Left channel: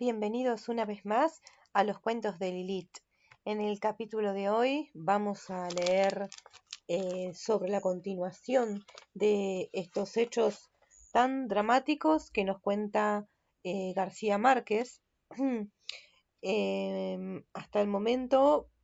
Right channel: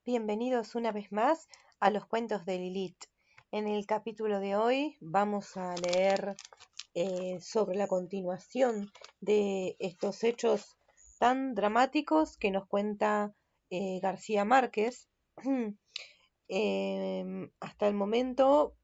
Bienvenidos una vez más a los cuentos de Lilith. En el capítulo de hoy vamos a leer sobre la continuación de estos hechos tan dramáticos que nos cuenta García Márquez. Hasta el momento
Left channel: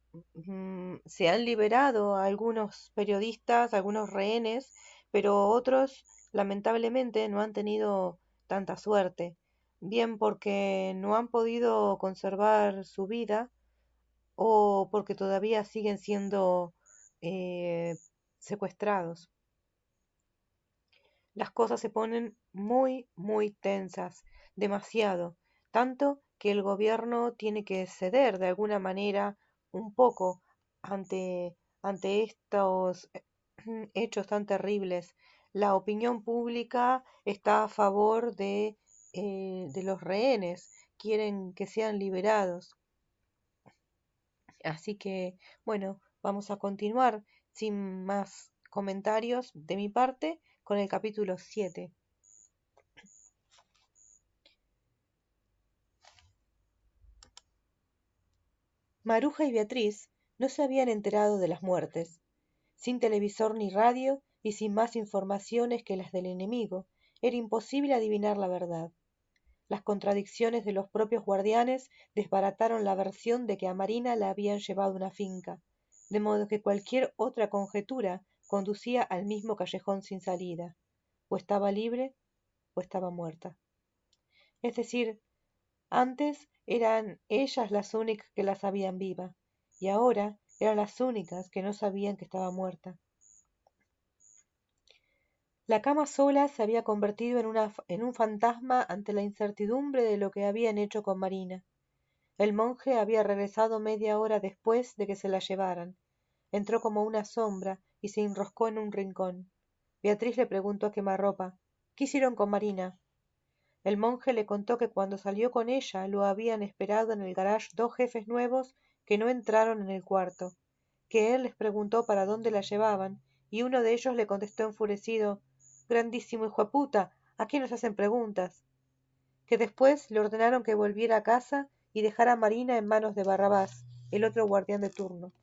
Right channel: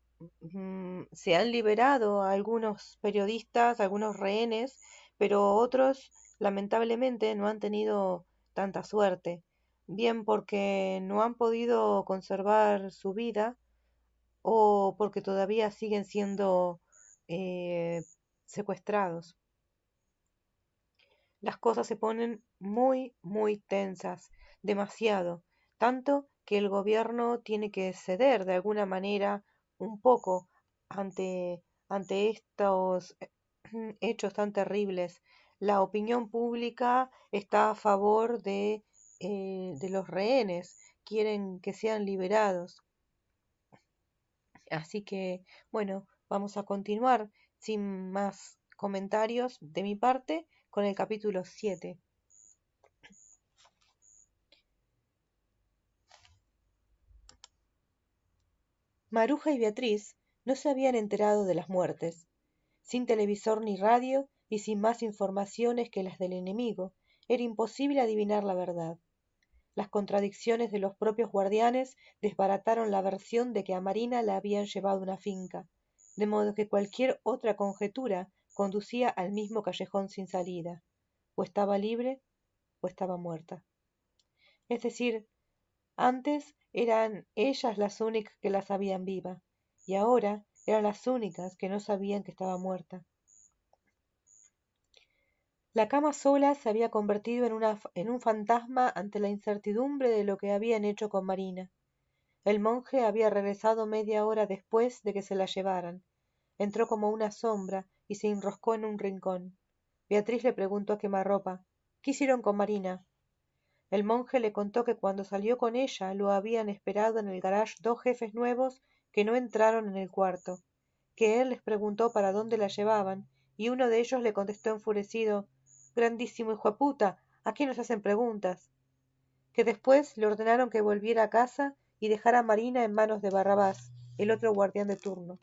se han liberado a algunos periodistas, algunos rehenes, pero otros lamentablemente no han tenido tanta suerte, bien porque no han podido conservar su vida o porque todavía siguen siendo secuestrados. Las cosas se ponen muy tensas, demasiado, tanto que el gobierno tiene que ceder de alguna manera un poco ante estos hechos tan terribles. La opinión pública está a favor de los rehenes, quieren que sean liberados. Así que, bueno, vamos a continuar sin más comentarios de mi parte con el capítulo 7. Maruja y Beatriz no se habían enterado de las muertes. Sin televisor ni radio y sin más informaciones que las del enemigo, era imposible adivinar la verdad. Las contradicciones de los propios guardianes desbarataron la versión de que a Marina la habían llevado a una finca, de modo que cualquier otra conjetura conducía al mismo callejón sin salida. O estaba libre o estaba muerta. Es decir, antes eran ellas las únicas que la sabían viva, y ahora eran las únicas que no sabían que estaba muerta. La cama sola se había convertido en un fantasma ante la incertidumbre de lo que habían hecho con Marina. El monje había regresado media hora después de que se la llevaran. Entró como una sombra y se enroscó en un rincón. Beatriz le preguntó a quemarropa: ¿qué hicieron con Marina? El monje le contó que cuando salió con ella lo habían esperado en el garage dos jefes nuevos que no entraron en el cuarto, que él les preguntó para dónde la llevaban, y uno de ellos le contestó enfurecido: «Grandísimo hijo de puta, ¿a quién les hacen preguntas?», que después le ordenaron que volviera a casa y dejara a Marina en manos de Barrabás, el otro guardián de turno.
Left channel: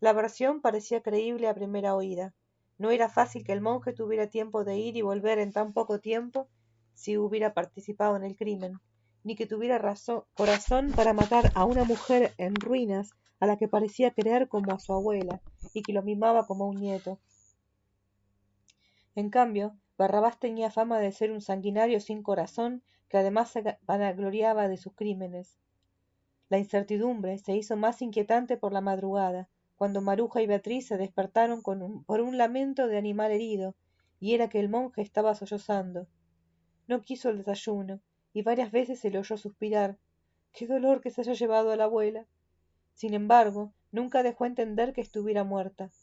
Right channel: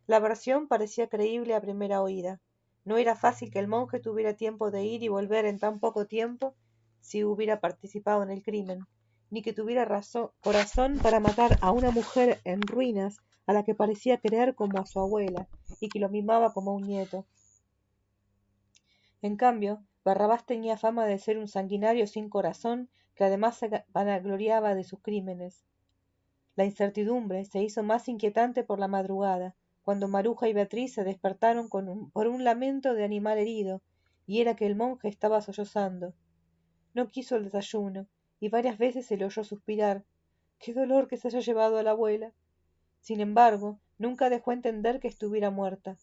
La versión parecía creíble a primera oída. No era fácil que el monje tuviera tiempo de ir y volver en tan poco tiempo si hubiera participado en el crimen, ni que tuviera corazón para matar a una mujer en ruinas a la que parecía querer como a su abuela y que lo mimaba como un nieto. En cambio, Barrabás tenía fama de ser un sanguinario sin corazón que además se vanagloriaba de sus crímenes. La incertidumbre se hizo más inquietante por la madrugada, cuando Maruja y Beatriz se despertaron por un lamento de animal herido, y era que el monje estaba sollozando. No quiso el desayuno, y varias veces se le oyó suspirar: «¡Qué dolor que se haya llevado la abuela!». Sin embargo, nunca dejó entender que estuviera muerta.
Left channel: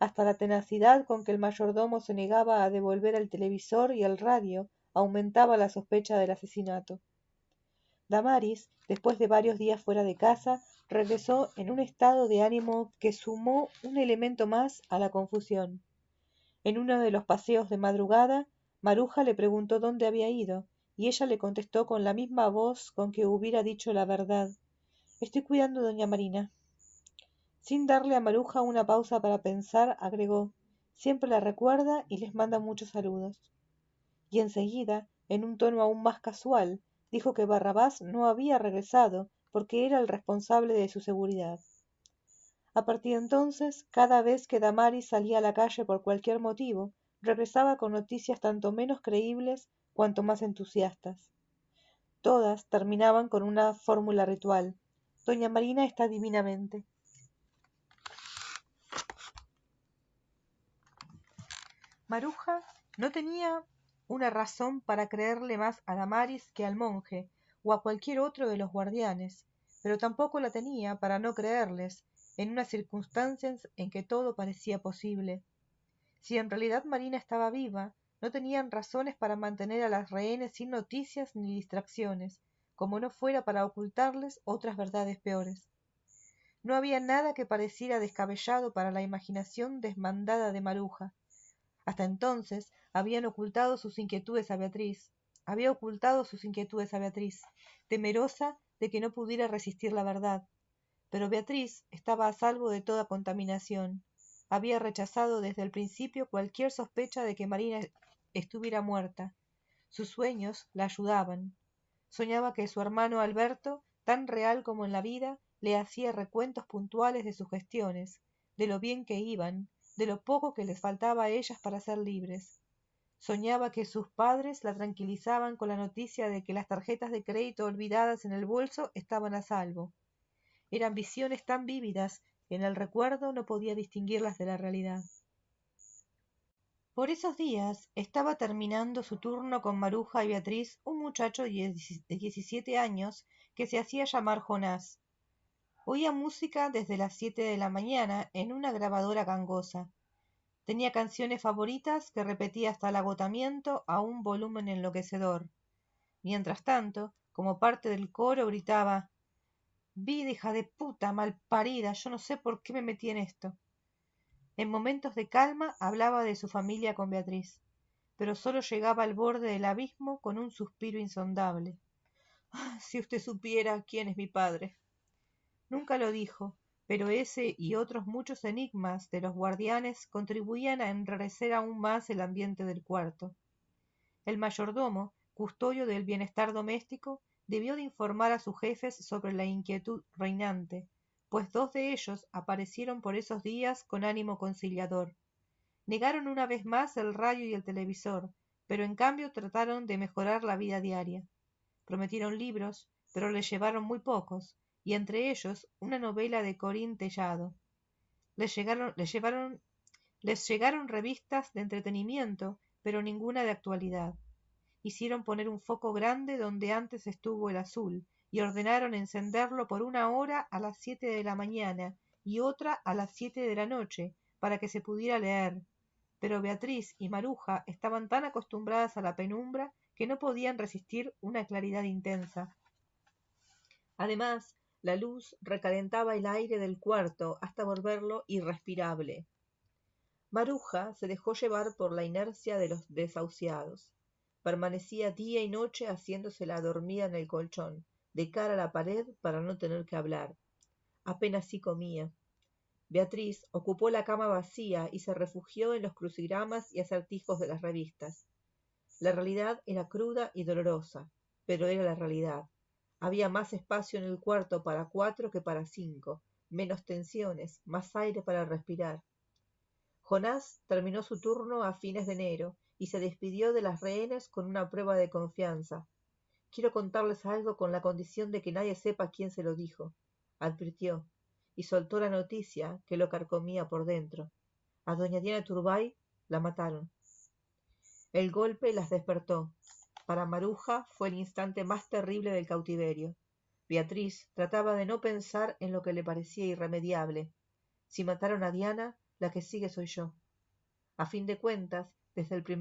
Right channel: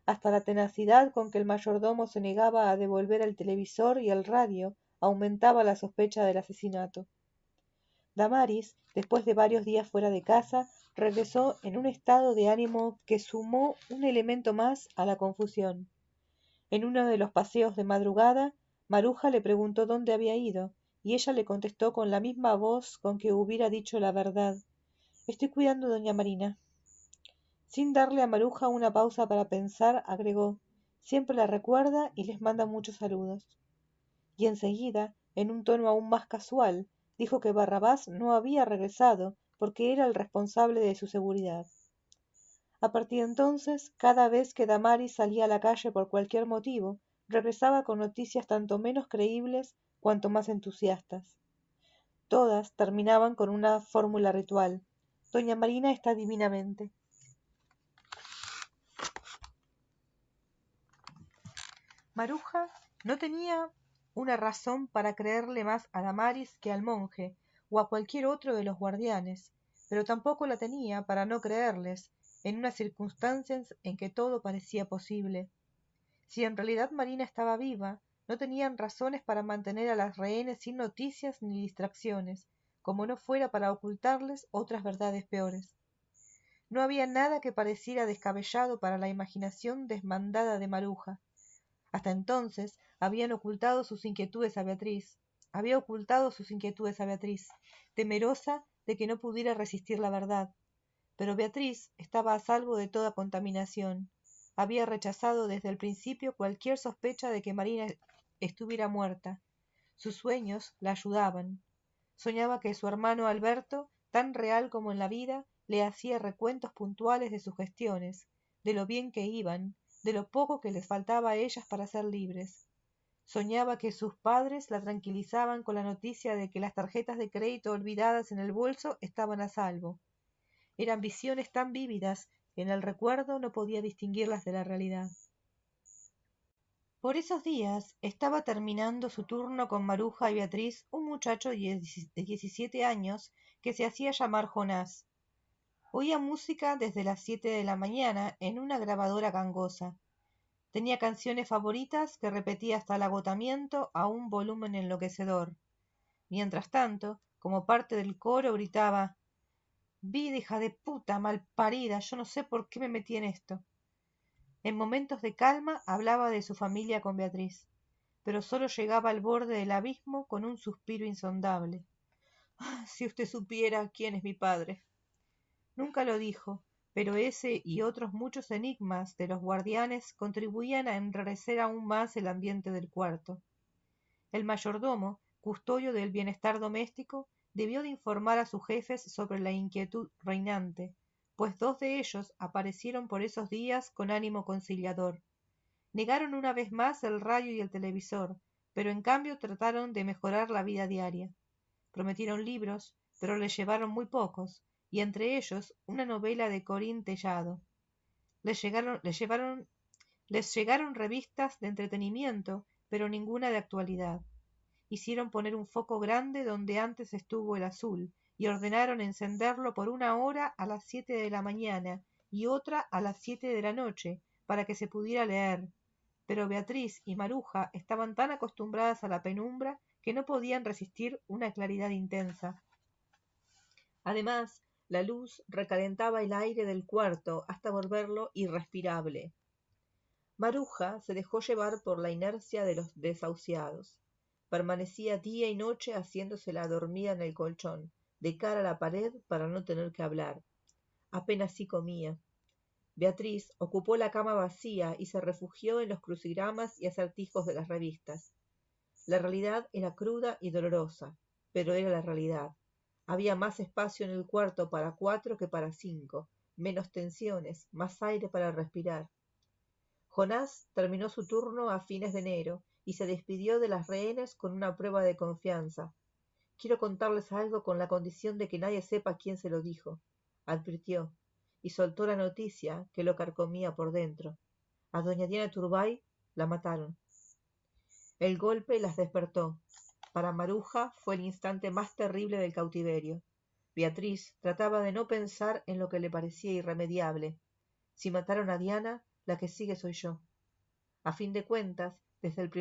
Hasta la tenacidad con que el mayordomo se negaba a devolver el televisor y el radio aumentaba la sospecha del asesinato. Damaris, después de varios días fuera de casa, regresó en un estado de ánimo que sumó un elemento más a la confusión. En uno de los paseos de madrugada, Maruja le preguntó dónde había ido, y ella le contestó con la misma voz con que hubiera dicho la verdad: «Estoy cuidando a doña Marina». Sin darle a Maruja una pausa para pensar, agregó: «Siempre la recuerda y les manda muchos saludos». Y enseguida, en un tono aún más casual, dijo que Barrabás no había regresado porque era el responsable de su seguridad. A partir de entonces, cada vez que Damaris salía a la calle por cualquier motivo, regresaba con noticias tanto menos creíbles cuanto más entusiastas. Todas terminaban con una fórmula ritual: «Doña Marina está divinamente». Maruja no tenía una razón para creerle más a Damaris que al monje o a cualquier otro de los guardianes, pero tampoco la tenía para no creerles en unas circunstancias en que todo parecía posible. Si en realidad Marina estaba viva, no tenían razones para mantener a las rehenes sin noticias ni distracciones, como no fuera para ocultarles otras verdades peores. No había nada que pareciera descabellado para la imaginación desmandada de Maruja. Hasta entonces había ocultado sus inquietudes a Beatriz, temerosa de que no pudiera resistir la verdad. Pero Beatriz estaba a salvo de toda contaminación. Había rechazado desde el principio cualquier sospecha de que María estuviera muerta. Sus sueños la ayudaban. Soñaba que su hermano Alberto, tan real como en la vida, le hacía recuentos puntuales de sus gestiones, de lo bien que iban, de lo poco que les faltaba a ellas para ser libres. Soñaba que sus padres la tranquilizaban con la noticia de que las tarjetas de crédito olvidadas en el bolso estaban a salvo. Eran visiones tan vívidas que en el recuerdo no podía distinguirlas de la realidad. Por esos días estaba terminando su turno con Maruja y Beatriz un muchacho de 17 años que se hacía llamar Jonás. Oía música desde las 7 de la mañana en una grabadora gangosa. Tenía canciones favoritas que repetía hasta el agotamiento a un volumen enloquecedor. Mientras tanto, como parte del coro, gritaba: «Vida hija de puta, malparida, yo no sé por qué me metí en esto». En momentos de calma hablaba de su familia con Beatriz, pero solo llegaba al borde del abismo con un suspiro insondable. «Si usted supiera quién es mi padre». Nunca lo dijo, pero ese y otros muchos enigmas de los guardianes contribuían a enrarecer aún más el ambiente del cuarto. El mayordomo, custodio del bienestar doméstico, debió de informar a sus jefes sobre la inquietud reinante, pues 2 de ellos aparecieron por esos días con ánimo conciliador. Negaron una vez más el radio y el televisor, pero en cambio trataron de mejorar la vida diaria. Prometieron libros, pero les llevaron muy pocos, y entre ellos una novela de Colín Tellado. Les llegaron revistas de entretenimiento, pero ninguna de actualidad. Hicieron poner un foco grande donde antes estuvo el azul, y ordenaron encenderlo por 1 hora a las 7 de la mañana y otra a las 7 de la noche, para que se pudiera leer. Pero Beatriz y Maruja estaban tan acostumbradas a la penumbra que no podían resistir una claridad intensa. Además, la luz recalentaba el aire del cuarto hasta volverlo irrespirable. Maruja se dejó llevar por la inercia de los desahuciados. Permanecía día y noche haciéndose la dormida en el colchón, de cara a la pared para no tener que hablar. Apenas sí comía. Beatriz ocupó la cama vacía y se refugió en los crucigramas y acertijos de las revistas. La realidad era cruda y dolorosa, pero era la realidad. Había más espacio en el cuarto para 4 que para 5, menos tensiones, más aire para respirar. Jonás terminó su turno a fines de enero y se despidió de las rehenes con una prueba de confianza. «Quiero contarles algo con la condición de que nadie sepa quién se lo dijo», advirtió, y soltó la noticia que lo carcomía por dentro. A doña Diana Turbay la mataron. El golpe las despertó. Para Maruja fue el instante más terrible del cautiverio. Beatriz trataba de no pensar en lo que le parecía irremediable. Si mataron a Diana, la que sigue soy yo. A fin de cuentas, desde el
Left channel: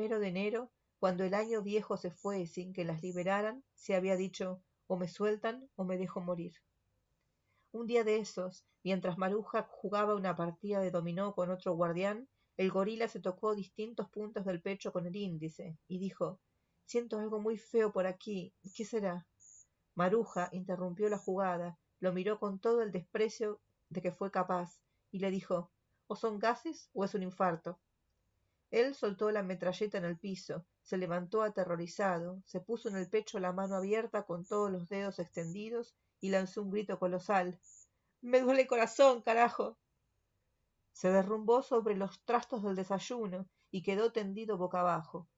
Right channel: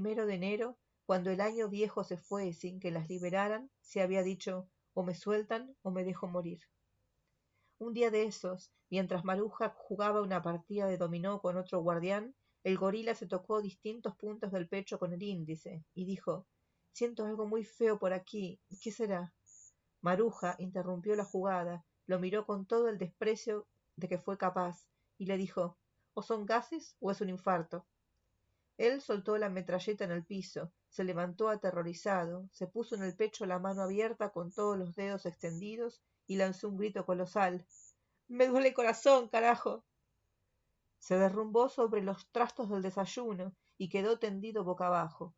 1 de enero, cuando el año viejo se fue sin que las liberaran, se había dicho: o me sueltan o me dejo morir. Un día de esos, mientras Maruja jugaba una partida de dominó con otro guardián, el gorila se tocó distintos puntos del pecho con el índice y dijo: «Siento algo muy feo por aquí, ¿qué será?». Maruja interrumpió la jugada, lo miró con todo el desprecio de que fue capaz y le dijo: «O son gases o es un infarto». Él soltó la metralleta en el piso, se levantó aterrorizado, se puso en el pecho la mano abierta con todos los dedos extendidos y lanzó un grito colosal: «¡Me duele el corazón, carajo!». Se derrumbó sobre los trastos del desayuno y quedó tendido boca abajo.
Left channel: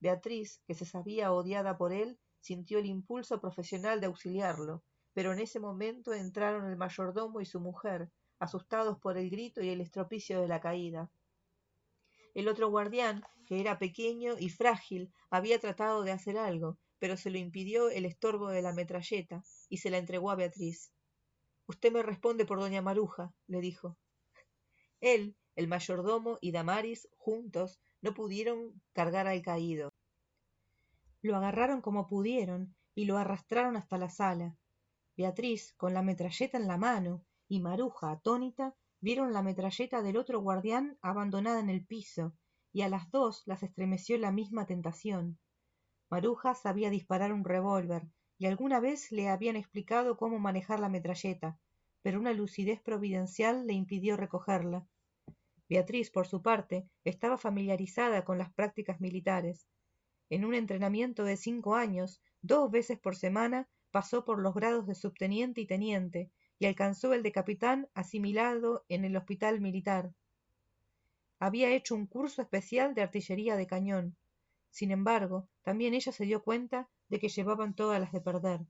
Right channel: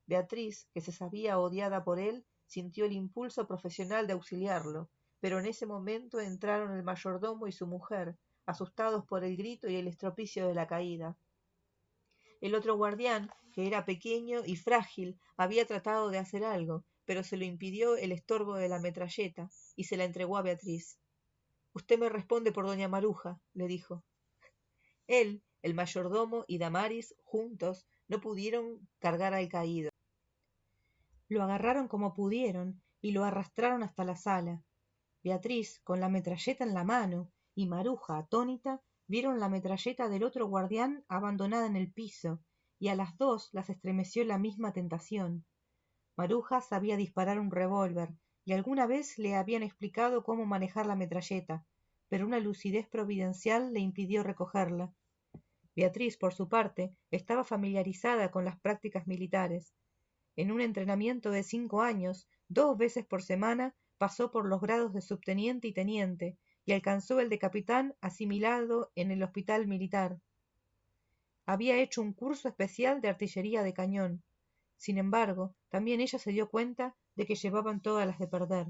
Beatriz, que se sabía odiada por él, sintió el impulso profesional de auxiliarlo, pero en ese momento entraron el mayordomo y su mujer, asustados por el grito y el estropicio de la caída. El otro guardián, que era pequeño y frágil, había tratado de hacer algo, pero se lo impidió el estorbo de la metralleta y se la entregó a Beatriz. «Usted me responde por doña Maruja», le dijo. Él, el mayordomo y Damaris, juntos, no pudieron cargar al caído. Lo agarraron como pudieron y lo arrastraron hasta la sala. Beatriz, con la metralleta en la mano, y Maruja, atónita, vieron la metralleta del otro guardián abandonada en el piso, y a las 2 las estremeció la misma tentación. Maruja sabía disparar un revólver, y alguna vez le habían explicado cómo manejar la metralleta, pero una lucidez providencial le impidió recogerla. Beatriz, por su parte, estaba familiarizada con las prácticas militares. En un entrenamiento de 5 años, 2 veces por semana, pasó por los grados de subteniente y teniente, y alcanzó el de capitán asimilado en el hospital militar. Había hecho un curso especial de artillería de cañón. Sin embargo, también ella se dio cuenta de que llevaban todas las de perder.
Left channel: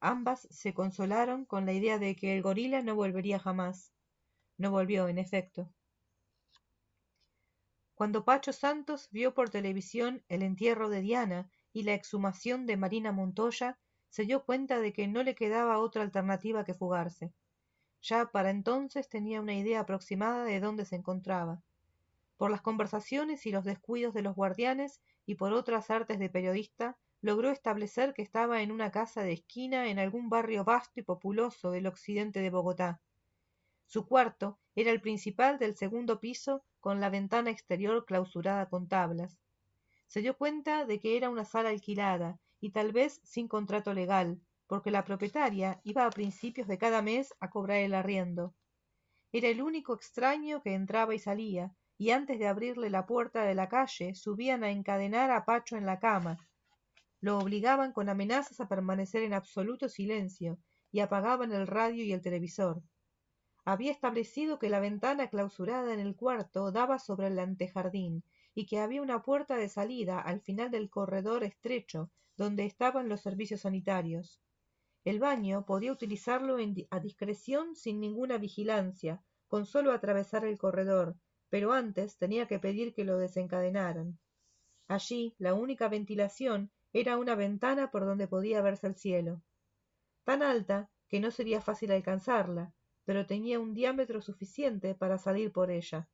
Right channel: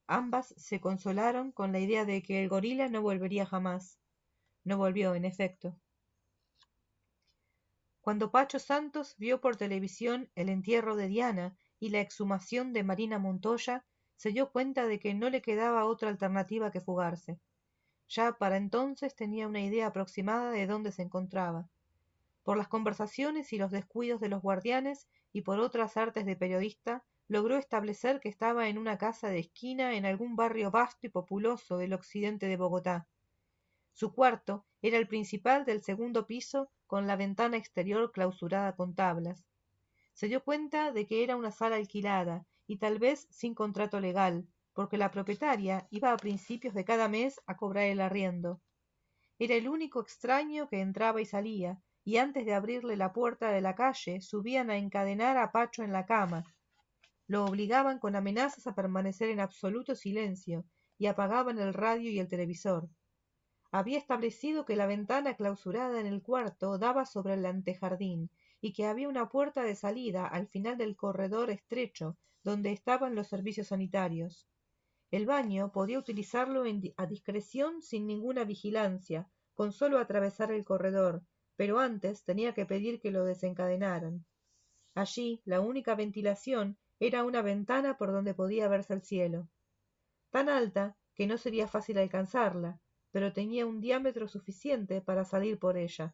Ambas se consolaron con la idea de que el gorila no volvería jamás. No volvió, en efecto. Cuando Pacho Santos vio por televisión el entierro de Diana y la exhumación de Marina Montoya, se dio cuenta de que no le quedaba otra alternativa que fugarse. Ya para entonces tenía una idea aproximada de dónde se encontraba. Por las conversaciones y los descuidos de los guardianes y por otras artes de periodista, logró establecer que estaba en una casa de esquina en algún barrio vasto y populoso del occidente de Bogotá. Su cuarto era el principal del segundo piso con la ventana exterior clausurada con tablas. Se dio cuenta de que era una sala alquilada y tal vez sin contrato legal, porque la propietaria iba a principios de cada mes a cobrar el arriendo. Era el único extraño que entraba y salía, y antes de abrirle la puerta de la calle subían a encadenar a Pacho en la cama. Lo obligaban con amenazas a permanecer en absoluto silencio y apagaban el radio y el televisor. Había establecido que la ventana clausurada en el cuarto daba sobre el antejardín y que había una puerta de salida al final del corredor estrecho donde estaban los servicios sanitarios. El baño podía utilizarlo a discreción sin ninguna vigilancia, con solo atravesar el corredor, pero antes tenía que pedir que lo desencadenaran. Allí, la única ventilación era una ventana por donde podía verse el cielo. Tan alta que no sería fácil alcanzarla, pero tenía un diámetro suficiente para salir por ella.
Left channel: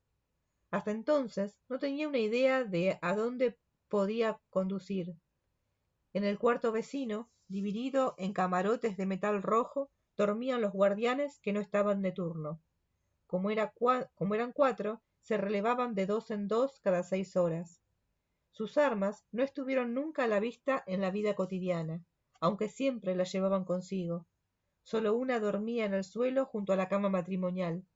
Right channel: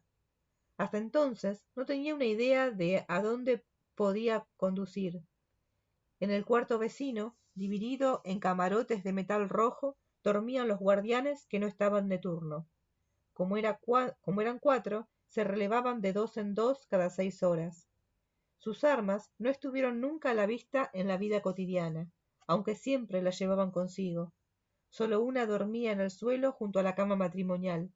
Hasta entonces no tenía una idea de a dónde podía conducir. En el cuarto vecino, dividido en camarotes de metal rojo, dormían los guardianes que no estaban de turno. Como eran 4, se relevaban de 2 en 2 cada 6 horas. Sus armas no estuvieron nunca a la vista en la vida cotidiana, aunque siempre las llevaban consigo. Solo una dormía en el suelo junto a la cama matrimonial.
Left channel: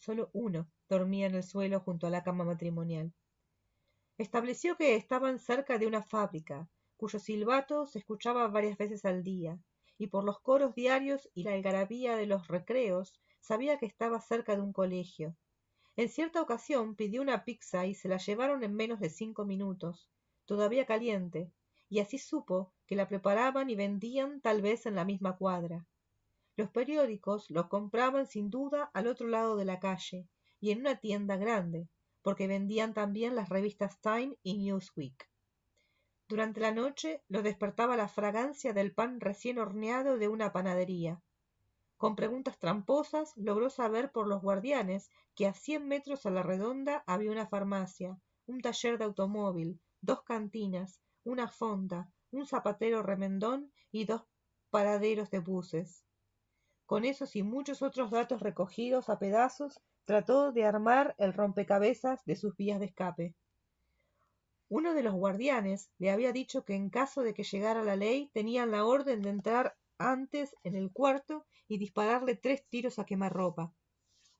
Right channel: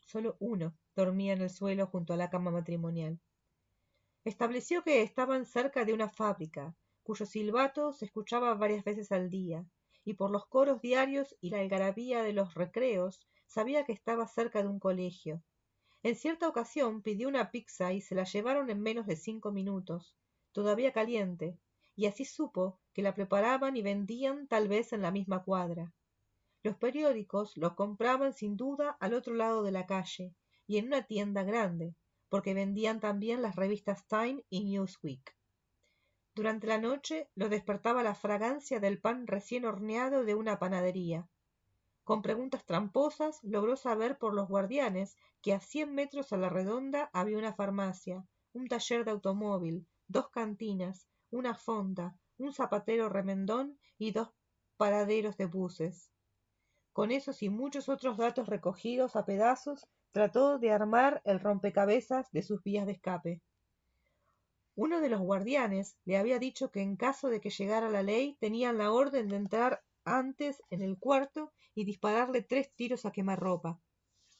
Solo uno dormía en el suelo junto a la cama matrimonial. Estableció que estaban cerca de una fábrica, cuyo silbato se escuchaba varias veces al día, y por los coros diarios y la algarabía de los recreos sabía que estaba cerca de un colegio. En cierta ocasión pidió una pizza y se la llevaron en menos de 5 minutos, todavía caliente, y así supo que la preparaban y vendían tal vez en la misma cuadra. Los periódicos los compraban sin duda al otro lado de la calle, y en una tienda grande, porque vendían también las revistas Time y Newsweek. Durante la noche los despertaba la fragancia del pan recién horneado de una panadería. Con preguntas tramposas logró saber por los guardianes que a 100 metros a la redonda había una farmacia, un taller de automóvil, 2 cantinas, una fonda, un zapatero remendón y 2 paraderos de buses. Con esos y muchos otros datos recogidos a pedazos, trató de armar el rompecabezas de sus vías de escape. Uno de los guardianes le había dicho que en caso de que llegara la ley tenían la orden de entrar antes en el cuarto y dispararle 3 tiros a quemarropa.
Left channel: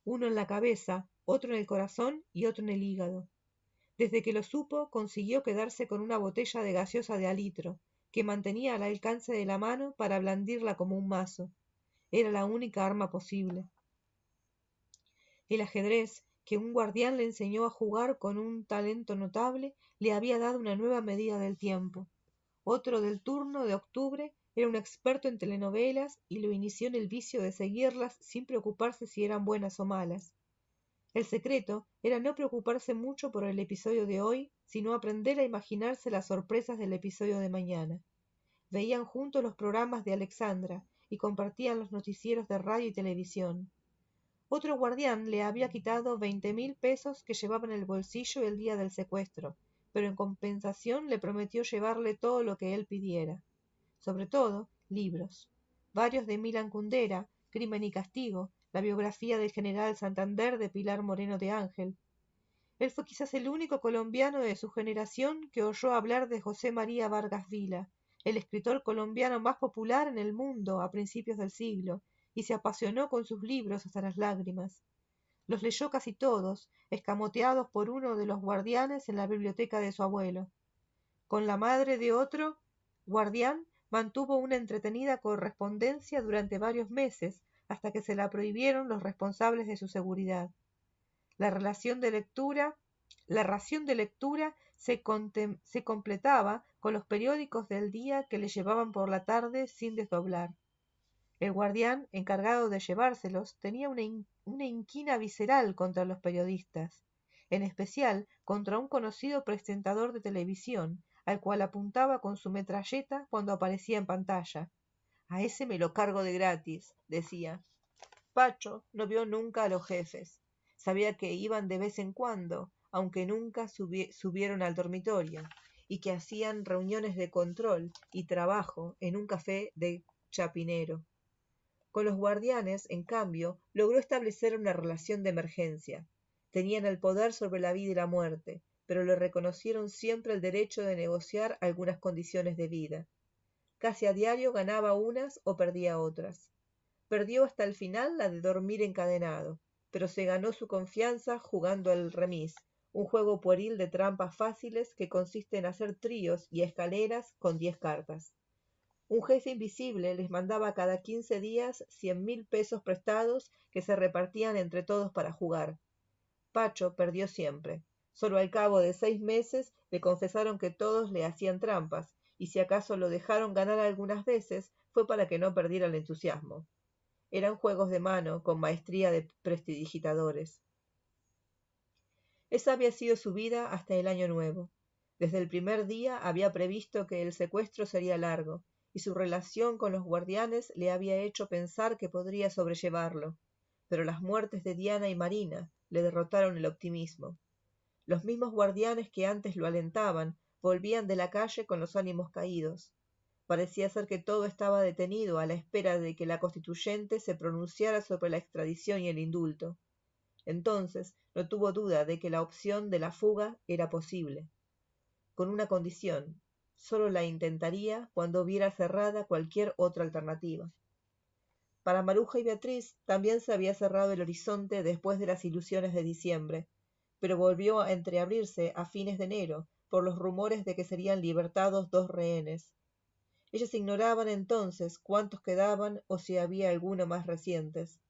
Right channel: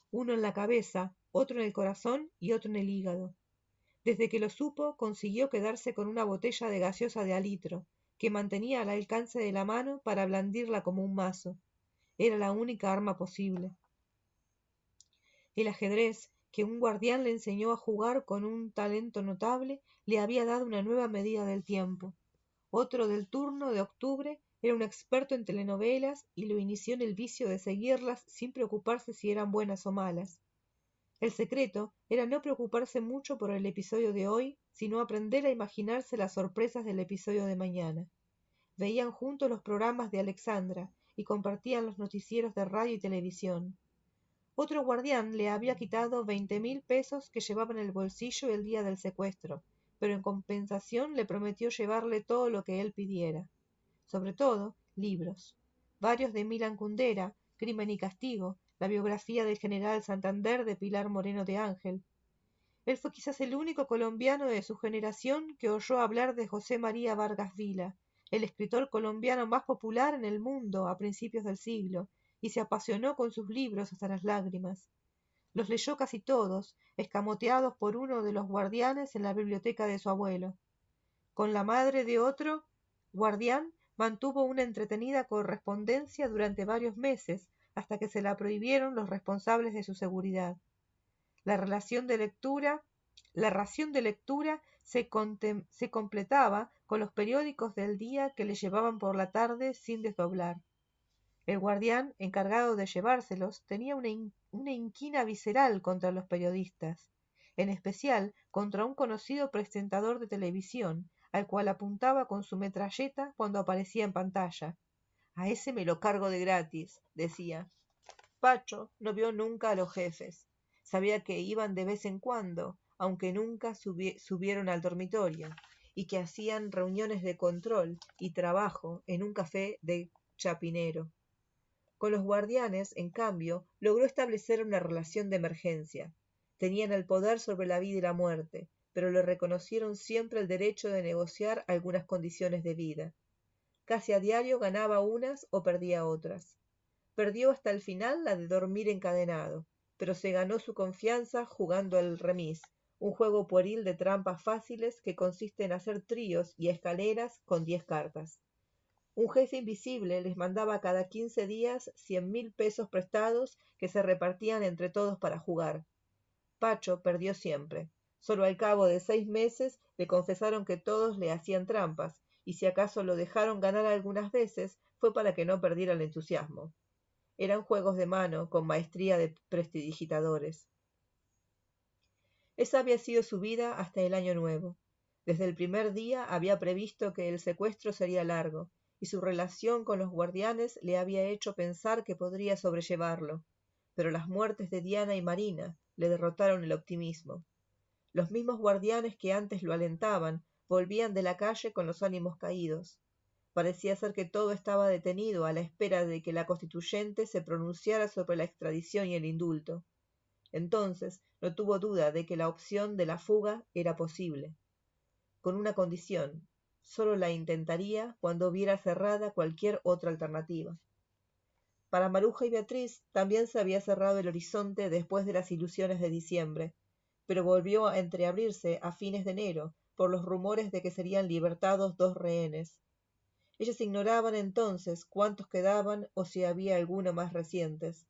Uno en la cabeza, otro en el corazón y otro en el hígado. Desde que lo supo, consiguió quedarse con una botella de gaseosa de al litro, que mantenía al alcance de la mano para blandirla como un mazo. Era la única arma posible. El ajedrez, que un guardián le enseñó a jugar con un talento notable, le había dado una nueva medida del tiempo. Otro del turno de octubre era un experto en telenovelas y lo inició en el vicio de seguirlas sin preocuparse si eran buenas o malas. El secreto era no preocuparse mucho por el episodio de hoy, sino aprender a imaginarse las sorpresas del episodio de mañana. Veían juntos los programas de Alexandra y compartían los noticieros de radio y televisión. Otro guardián le había quitado 20.000 pesos que llevaba en el bolsillo el día del secuestro, pero en compensación le prometió llevarle todo lo que él pidiera. Sobre todo, libros. Varios de Milan Kundera, Crimen y Castigo, la biografía del general Santander de Pilar Moreno de Ángel. Él fue quizás el único colombiano de su generación que oyó hablar de José María Vargas Vila, el escritor colombiano más popular en el mundo a principios del siglo, y se apasionó con sus libros hasta las lágrimas. Los leyó casi todos, escamoteados por uno de los guardianes en la biblioteca de su abuelo. Con la madre de otro guardián mantuvo una entretenida correspondencia durante varios meses, hasta que se la prohibieron los responsables de su seguridad. La ración de lectura se completaba con los periódicos del día que le llevaban por la tarde sin desdoblar. El guardián, encargado de llevárselos, tenía una inquina visceral contra los periodistas, en especial contra un conocido presentador de televisión, al cual apuntaba con su metralleta cuando aparecía en pantalla. A ese me lo cargo de gratis, decía. Pacho no vio nunca a los jefes. Sabía que iban de vez en cuando, aunque nunca subieron al dormitorio, y que hacían reuniones de control y trabajo en un café de Chapinero. Con los guardianes, en cambio, logró establecer una relación de emergencia. Tenían el poder sobre la vida y la muerte, pero le reconocieron siempre el derecho de negociar algunas condiciones de vida. Casi a diario ganaba unas o perdía otras. Perdió hasta el final la de dormir encadenado, pero se ganó su confianza jugando al remis, un juego pueril de trampas fáciles que consiste en hacer tríos y escaleras con 10 cartas. Un jefe invisible les mandaba cada 15 días 100.000 pesos prestados que se repartían entre todos para jugar. Pacho perdió siempre. Solo al cabo de 6 meses le confesaron que todos le hacían trampas, y si acaso lo dejaron ganar algunas veces, fue para que no perdiera el entusiasmo. Eran juegos de mano con maestría de prestidigitadores. Esa había sido su vida hasta el año nuevo. Desde el primer día había previsto que el secuestro sería largo, y su relación con los guardianes le había hecho pensar que podría sobrellevarlo. Pero las muertes de Diana y Marina le derrotaron el optimismo. Los mismos guardianes que antes lo alentaban volvían de la calle con los ánimos caídos. Parecía ser que todo estaba detenido a la espera de que la constituyente se pronunciara sobre la extradición y el indulto. Entonces no tuvo duda de que la opción de la fuga era posible. Con una condición: solo la intentaría cuando viera cerrada cualquier otra alternativa. Para Maruja y Beatriz también se había cerrado el horizonte después de las ilusiones de diciembre, pero volvió a entreabrirse a fines de enero por los rumores de que serían libertados 2 rehenes. Ellos ignoraban entonces cuántos quedaban o si había alguno más recientes.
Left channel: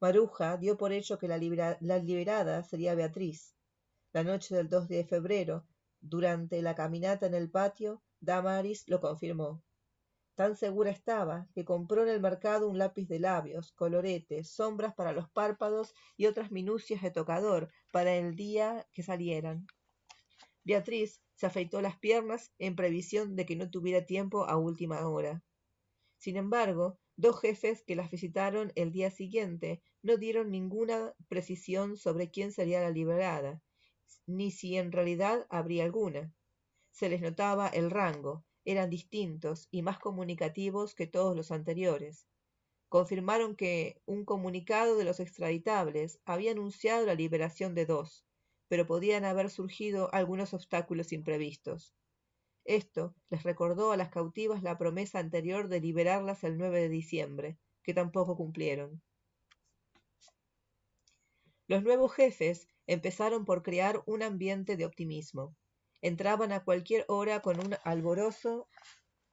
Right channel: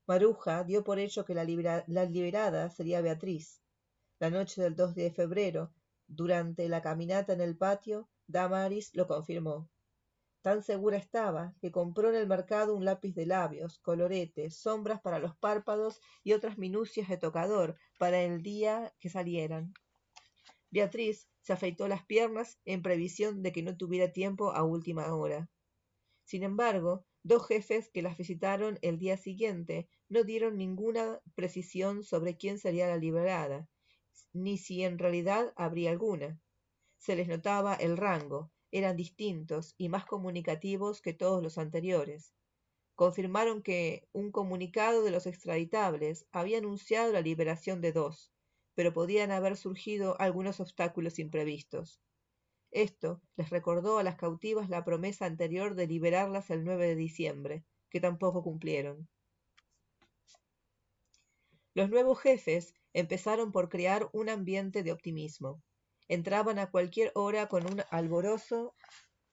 Maruja dio por hecho que la liberada sería Beatriz. La noche del 2 de febrero, durante la caminata en el patio, Damaris lo confirmó. Tan segura estaba que compró en el mercado un lápiz de labios, coloretes, sombras para los párpados y otras minucias de tocador para el día que salieran. Beatriz se afeitó las piernas en previsión de que no tuviera tiempo a última hora. Sin embargo, 2 jefes que las visitaron el día siguiente no dieron ninguna precisión sobre quién sería la liberada, ni si en realidad habría alguna. Se les notaba el rango, eran distintos y más comunicativos que todos los anteriores. Confirmaron que un comunicado de los extraditables había anunciado la liberación de 2, pero podían haber surgido algunos obstáculos imprevistos. Esto les recordó a las cautivas la promesa anterior de liberarlas el 9 de diciembre, que tampoco cumplieron. Los nuevos jefes empezaron por crear un ambiente de optimismo. Entraban a cualquier hora con un alborozo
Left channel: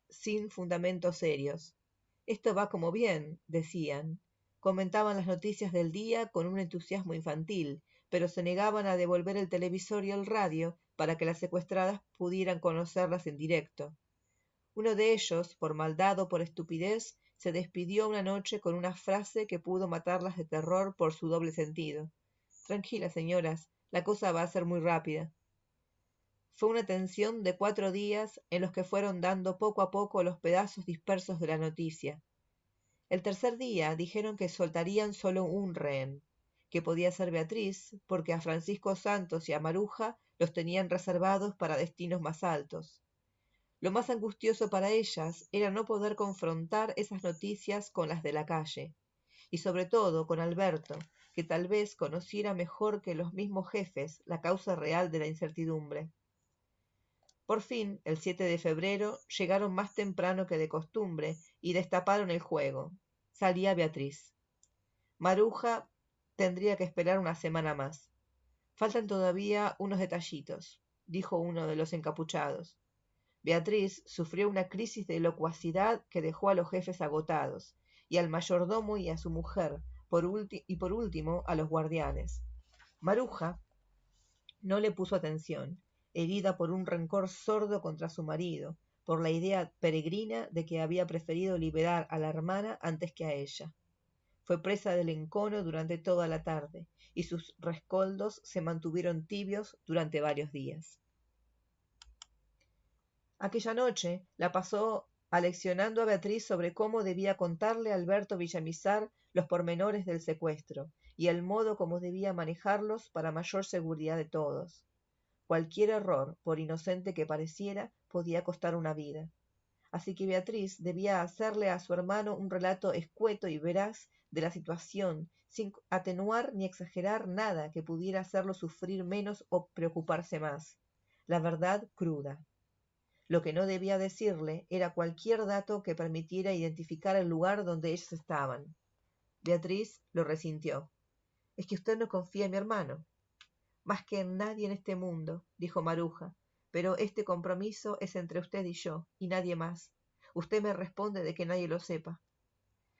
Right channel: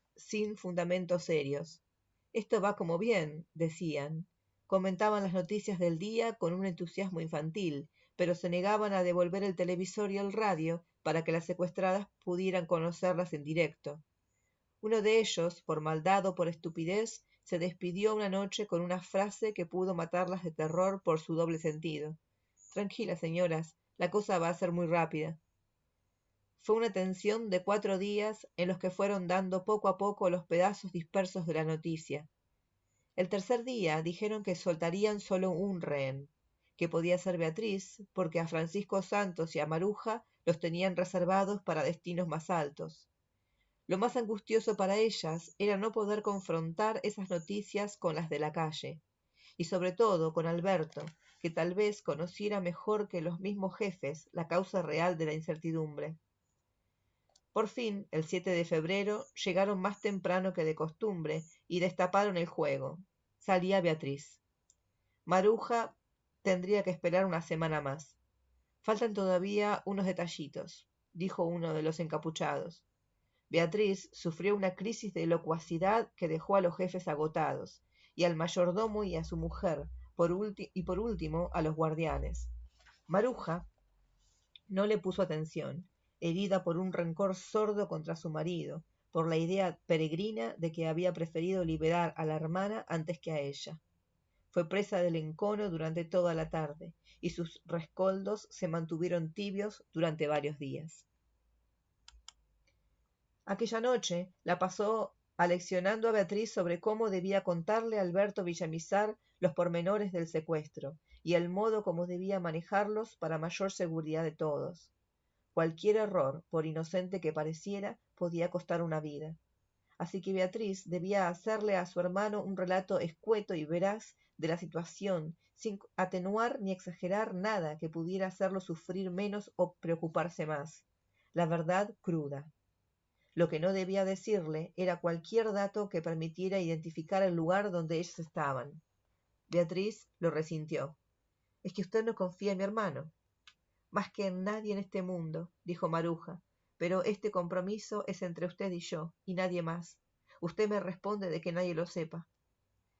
sin fundamentos serios. Esto va como bien, decían. Comentaban las noticias del día con un entusiasmo infantil, pero se negaban a devolver el televisor y el radio para que las secuestradas pudieran conocerlas en directo. Uno de ellos, por maldad o por estupidez, se despidió una noche con una frase que pudo matarlas de terror por su doble sentido. Tranquilas, señoras, la cosa va a ser muy rápida. Fue una tensión de 4 días en los que fueron dando poco a poco los pedazos dispersos de la noticia. El tercer día dijeron que soltarían solo un rehén, que podía ser Beatriz, porque a Francisco Santos y a Maruja los tenían reservados para destinos más altos. Lo más angustioso para ellas era no poder confrontar esas noticias con las de la calle, y sobre todo con Alberto, que tal vez conociera mejor que los mismos jefes la causa real de la incertidumbre. Por fin, el 7 de febrero, llegaron más temprano que de costumbre y destaparon el juego. Salía Beatriz. Maruja tendría que esperar una semana más. Faltan todavía unos detallitos, dijo uno de los encapuchados. Beatriz sufrió una crisis de locuacidad que dejó a los jefes agotados, y al mayordomo y a su mujer, por último a los guardianes. Maruja no le puso atención, herida por un rencor sordo contra su marido, por la idea peregrina de que había preferido liberar a la hermana antes que a ella. Fue presa del encono durante toda la tarde, y sus rescoldos se mantuvieron tibios durante varios días. Aquella noche la pasó aleccionando a Beatriz sobre cómo debía contarle a Alberto Villamizar los pormenores del secuestro y el modo como debía manejarlos para mayor seguridad de todos. Cualquier error, por inocente que pareciera, podía costar una vida. Así que Beatriz debía hacerle a su hermano un relato escueto y veraz de la situación, sin atenuar ni exagerar nada que pudiera hacerlo sufrir menos o preocuparse más. La verdad cruda. Lo que no debía decirle era cualquier dato que permitiera identificar el lugar donde ellos estaban. Beatriz lo resintió. Es que usted no confía en mi hermano. Más que en nadie en este mundo, dijo Maruja, pero este compromiso es entre usted y yo, y nadie más. Usted me responde de que nadie lo sepa.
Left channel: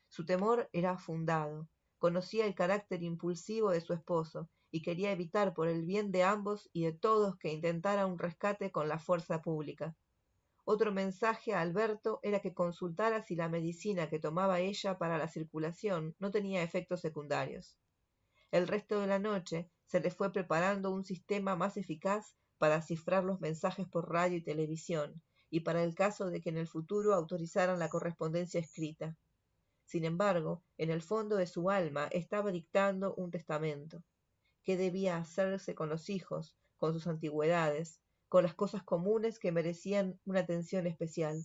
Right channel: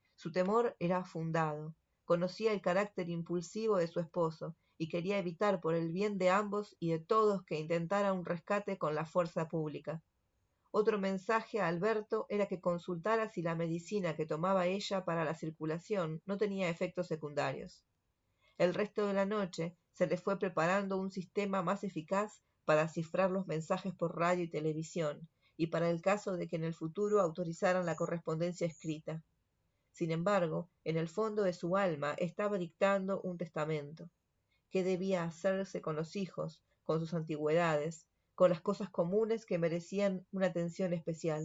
Su temor era fundado. Conocía el carácter impulsivo de su esposo y quería evitar por el bien de ambos y de todos que intentara un rescate con la fuerza pública. Otro mensaje a Alberto era que consultara si la medicina que tomaba ella para la circulación no tenía efectos secundarios. El resto de la noche se le fue preparando un sistema más eficaz para cifrar los mensajes por radio y televisión, y para el caso de que en el futuro autorizaran la correspondencia escrita. Sin embargo, en el fondo de su alma estaba dictando un testamento. ¿Qué debía hacerse con los hijos, con sus antigüedades, con las cosas comunes que merecían una atención especial?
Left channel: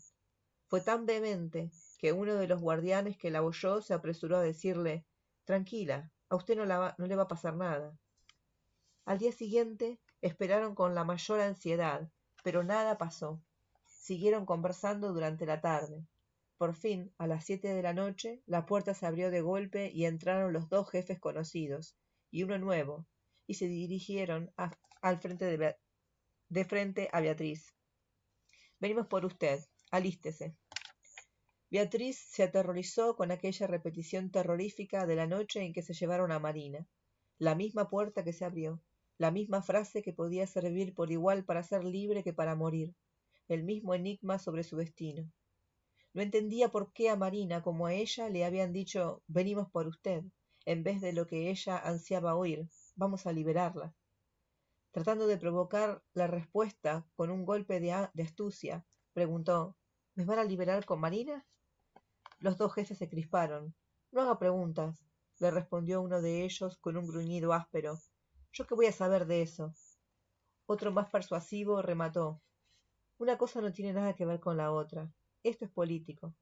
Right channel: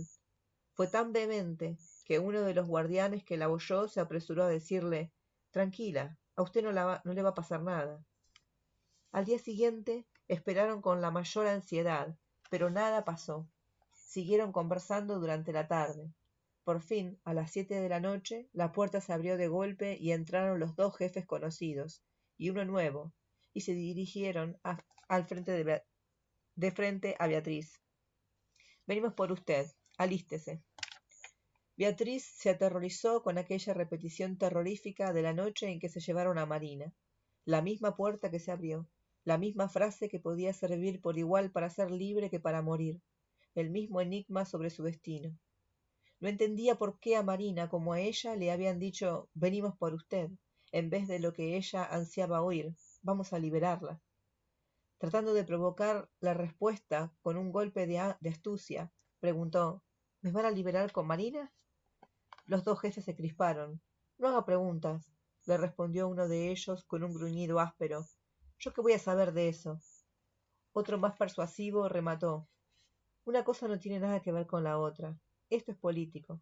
Fue tan vehemente que uno de los guardianes que la oyó se apresuró a decirle: «Tranquila, a usted no le va a pasar nada». Al día siguiente esperaron con la mayor ansiedad, pero nada pasó. Siguieron conversando durante la tarde. Por fin, a las 7 de la noche, la puerta se abrió de golpe y entraron los dos jefes conocidos, y uno nuevo, y se dirigieron de frente a Beatriz. «Venimos por usted, alístese». Beatriz se aterrorizó con aquella repetición terrorífica de la noche en que se llevaron a Malina. La misma puerta que se abrió, la misma frase que podía servir por igual para ser libre que para morir, el mismo enigma sobre su destino. No entendía por qué a Malina como a ella le habían dicho «venimos por usted», en vez de lo que ella ansiaba oír, «vamos a liberarla». Tratando de provocar la respuesta con un golpe de astucia, preguntó «¿me van a liberar con Malina?». Los dos jefes se crisparon. «No haga preguntas», le respondió uno de ellos con un gruñido áspero. «¿Yo qué voy a saber de eso?». Otro más persuasivo remató: «Una cosa no tiene nada que ver con la otra. Esto es político».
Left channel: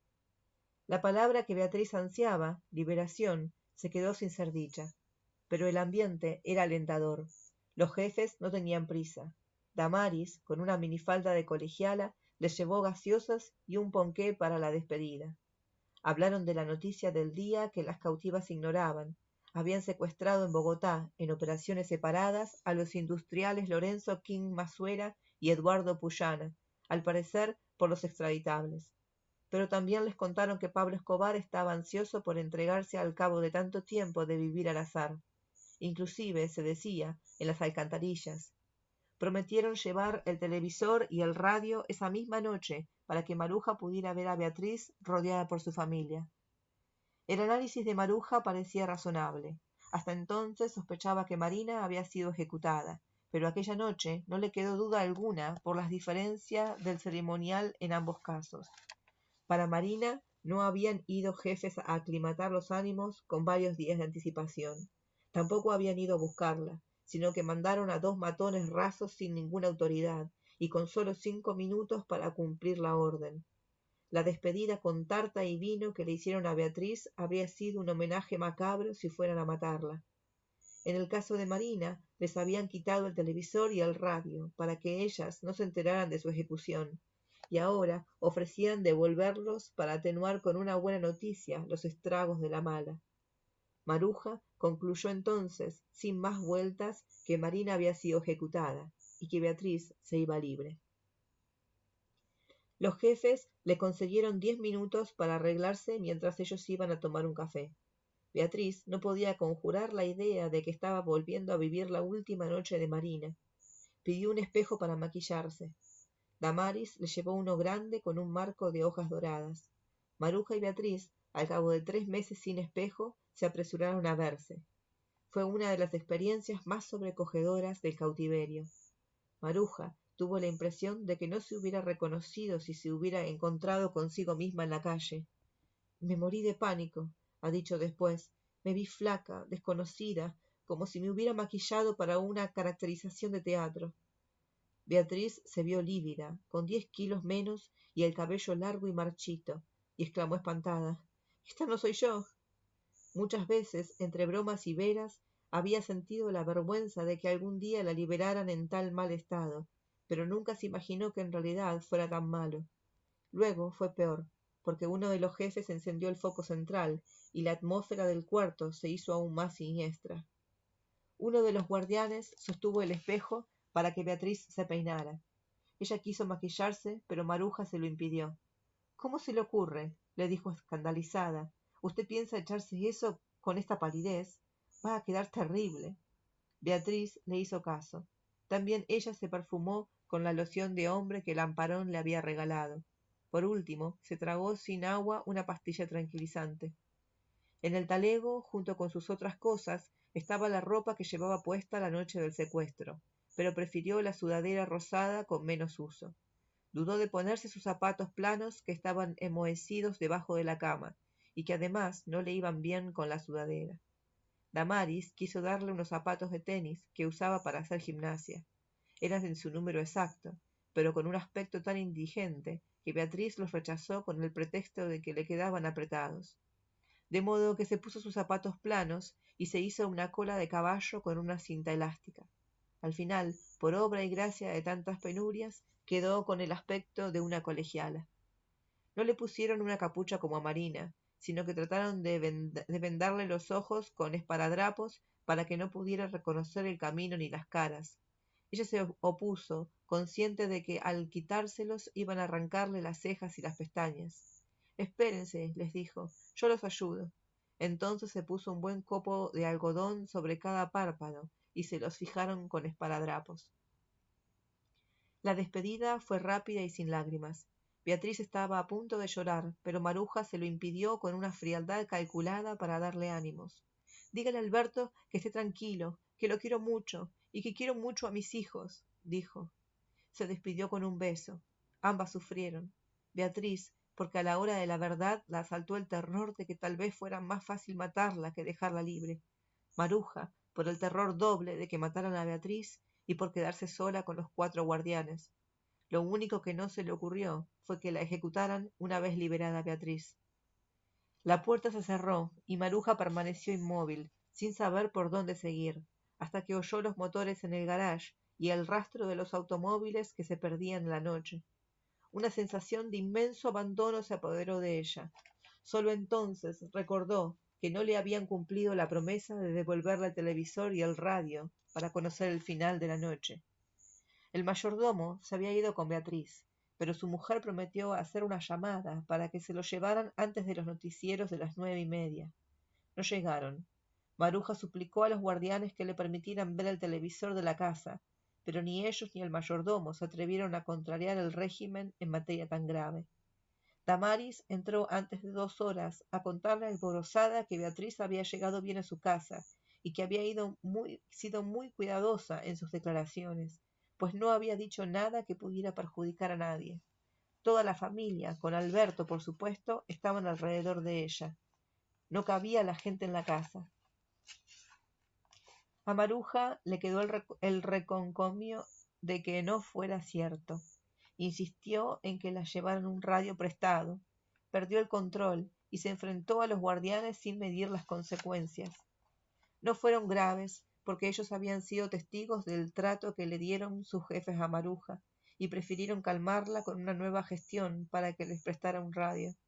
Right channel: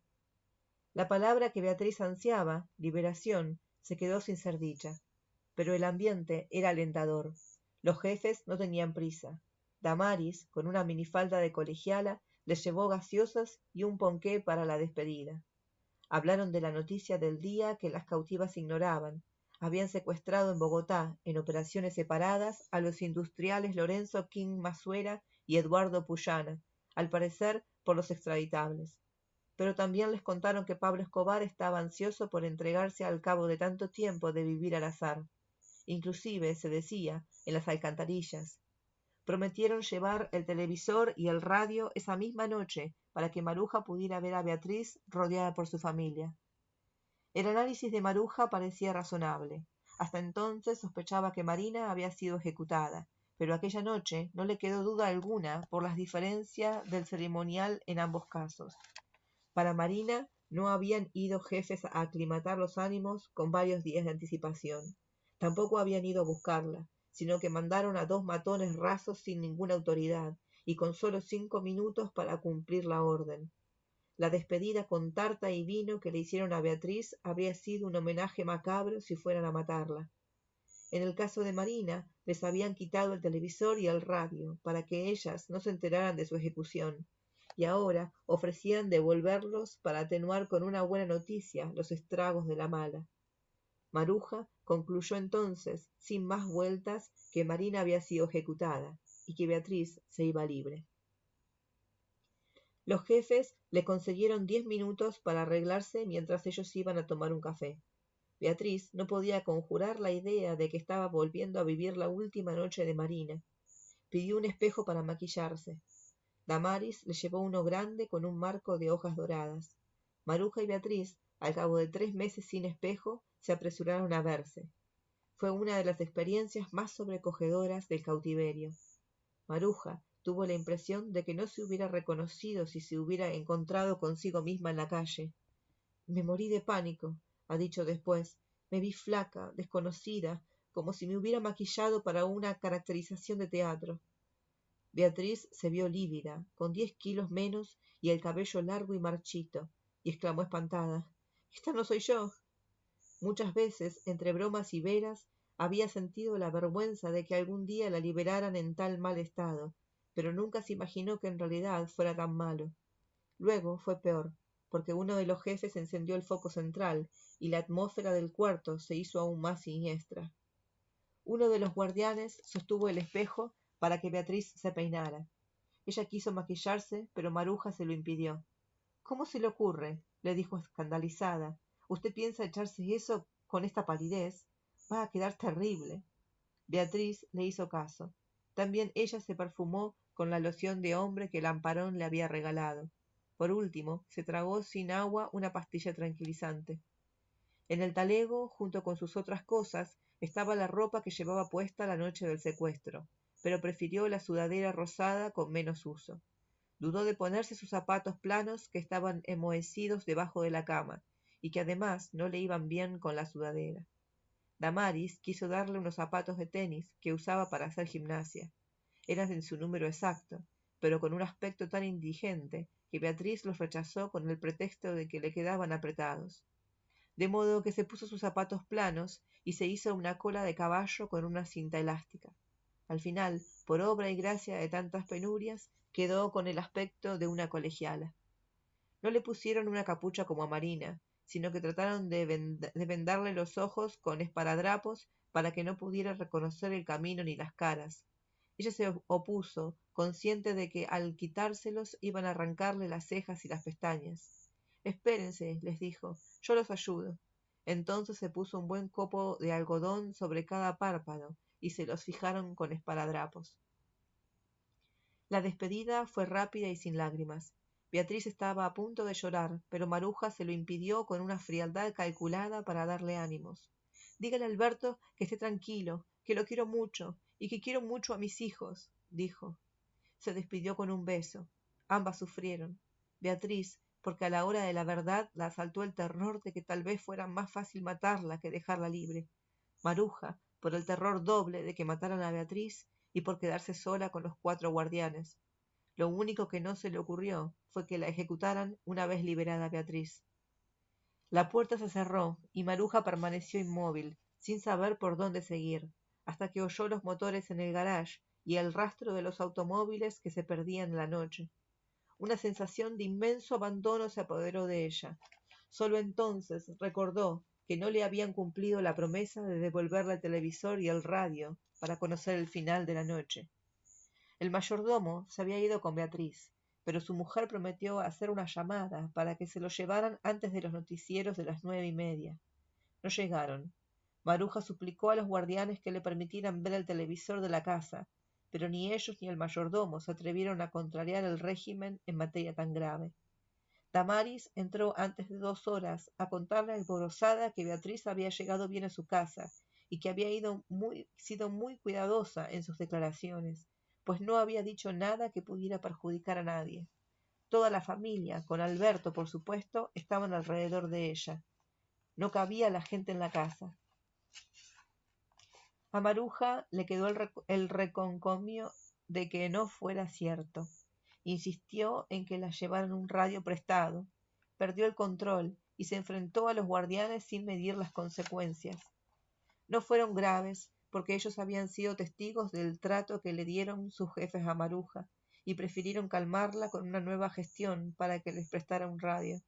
La palabra que Beatriz ansiaba, liberación, se quedó sin ser dicha. Pero el ambiente era alentador. Los jefes no tenían prisa. Damaris, con una minifalda de colegiala, les llevó gaseosas y un ponqué para la despedida. Hablaron de la noticia del día que las cautivas ignoraban. Habían secuestrado en Bogotá, en operaciones separadas, a los industriales Lorenzo King Masuera y Eduardo Puyana, al parecer por los extraditables. Pero también les contaron que Pablo Escobar estaba ansioso por entregarse al cabo de tanto tiempo de vivir al azar. Inclusive, se decía, en las alcantarillas. Prometieron llevar el televisor y el radio esa misma noche para que Maruja pudiera ver a Beatriz rodeada por su familia. El análisis de Maruja parecía razonable. Hasta entonces sospechaba que Malina había sido ejecutada, pero aquella noche no le quedó duda alguna por las diferencias del ceremonial en ambos casos. Para Malina no habían ido jefes a aclimatar los ánimos con varios días de anticipación. Tampoco habían ido a buscarla, sino que mandaron a dos matones rasos sin ninguna autoridad y con solo 5 minutos para cumplir la orden. La despedida con tarta y vino que le hicieron a Beatriz habría sido un homenaje macabro si fueran a matarla. En el caso de Malina, les habían quitado el televisor y el radio para que ellas no se enteraran de su ejecución, y ahora ofrecían devolverlos para atenuar con una buena noticia los estragos de la mala. Maruja concluyó entonces, sin más vueltas, que Malina había sido ejecutada y que Beatriz se iba libre. Los jefes le consiguieron 10 minutos para arreglarse mientras ellos iban a tomar un café. Beatriz no podía conjurar la idea de que estaba volviendo a vivir la última noche de Malina. Pidió un espejo para maquillarse. Damaris le llevó uno grande con un marco de hojas doradas. Maruja y Beatriz, al cabo de 3 meses sin espejo, se apresuraron a verse. Fue una de las experiencias más sobrecogedoras del cautiverio. Maruja tuvo la impresión de que no se hubiera reconocido si se hubiera encontrado consigo misma en la calle. Me morí de pánico, ha dicho después. Me vi flaca, desconocida, como si me hubiera maquillado para una caracterización de teatro. Beatriz se vio lívida, con 10 kilos menos y el cabello largo y marchito, y exclamó espantada: «¡Esta no soy yo!». Muchas veces, entre bromas y veras, había sentido la vergüenza de que algún día la liberaran en tal mal estado, pero nunca se imaginó que en realidad fuera tan malo. Luego fue peor, porque uno de los jefes encendió el foco central y la atmósfera del cuarto se hizo aún más siniestra. Uno de los guardianes sostuvo el espejo para que Beatriz se peinara. Ella quiso maquillarse, pero Maruja se lo impidió. «¿Cómo se le ocurre?», le dijo escandalizada. «¿Usted piensa echarse eso con esta palidez? Va a quedar terrible». Beatriz le hizo caso. También ella se perfumó con la loción de hombre que Lamparón le había regalado. Por último, se tragó sin agua una pastilla tranquilizante. En el talego, junto con sus otras cosas, estaba la ropa que llevaba puesta la noche del secuestro, pero prefirió la sudadera rosada con menos uso. Dudó de ponerse sus zapatos planos que estaban enmohecidos debajo de la cama, y que además no le iban bien con la sudadera. Damaris quiso darle unos zapatos de tenis que usaba para hacer gimnasia. Eran de su número exacto, pero con un aspecto tan indigente que Beatriz los rechazó con el pretexto de que le quedaban apretados. De modo que se puso sus zapatos planos y se hizo una cola de caballo con una cinta elástica. Al final, por obra y gracia de tantas penurias, quedó con el aspecto de una colegiala. No le pusieron una capucha como a Malina, sino que trataron de vendarle los ojos con esparadrapos para que no pudieran reconocer el camino ni las caras. Ella se opuso, consciente de que al quitárselos iban a arrancarle las cejas y las pestañas. «Espérense», les dijo, «yo los ayudo». Entonces se puso un buen copo de algodón sobre cada párpado y se los fijaron con esparadrapos. La despedida fue rápida y sin lágrimas. Beatriz estaba a punto de llorar, pero Maruja se lo impidió con una frialdad calculada para darle ánimos. «Dígale a Alberto que esté tranquilo, que lo quiero mucho y que quiero mucho a mis hijos», dijo. Se despidió con un beso. Ambas sufrieron. Beatriz, porque a la hora de la verdad la asaltó el terror de que tal vez fuera más fácil matarla que dejarla libre. Maruja, por el terror doble de que mataran a Beatriz y por quedarse sola con los 4 guardianes. Lo único que no se le ocurrió fue que la ejecutaran una vez liberada Beatriz. La puerta se cerró y Maruja permaneció inmóvil, sin saber por dónde seguir, hasta que oyó los motores en el garage y el rastro de los automóviles que se perdían en la noche. Una sensación de inmenso abandono se apoderó de ella. Solo entonces recordó que no le habían cumplido la promesa de devolverle el televisor y el radio para conocer el final de la noche. El mayordomo se había ido con Beatriz, pero su mujer prometió hacer una llamada para que se lo llevaran antes de los noticieros de las 9:30. No llegaron. Maruja suplicó a los guardianes que le permitieran ver el televisor de la casa, pero ni ellos ni el mayordomo se atrevieron a contrariar el régimen en materia tan grave. Damaris entró antes de 2 horas a contarle alborozada que Beatriz había llegado bien a su casa y que había sido muy cuidadosa en sus declaraciones, pues no había dicho nada que pudiera perjudicar a nadie. Toda la familia, con Alberto por supuesto, estaban alrededor de ella. No cabía la gente en la casa. A Maruja le quedó el reconcomio de que no fuera cierto. Insistió en que le llevaran un radio prestado. Perdió el control y se enfrentó a los guardianes sin medir las consecuencias. No fueron graves, porque ellos habían sido testigos del trato que le dieron sus jefes a Maruja, y prefirieron calmarla con una nueva gestión para que les prestara un radio.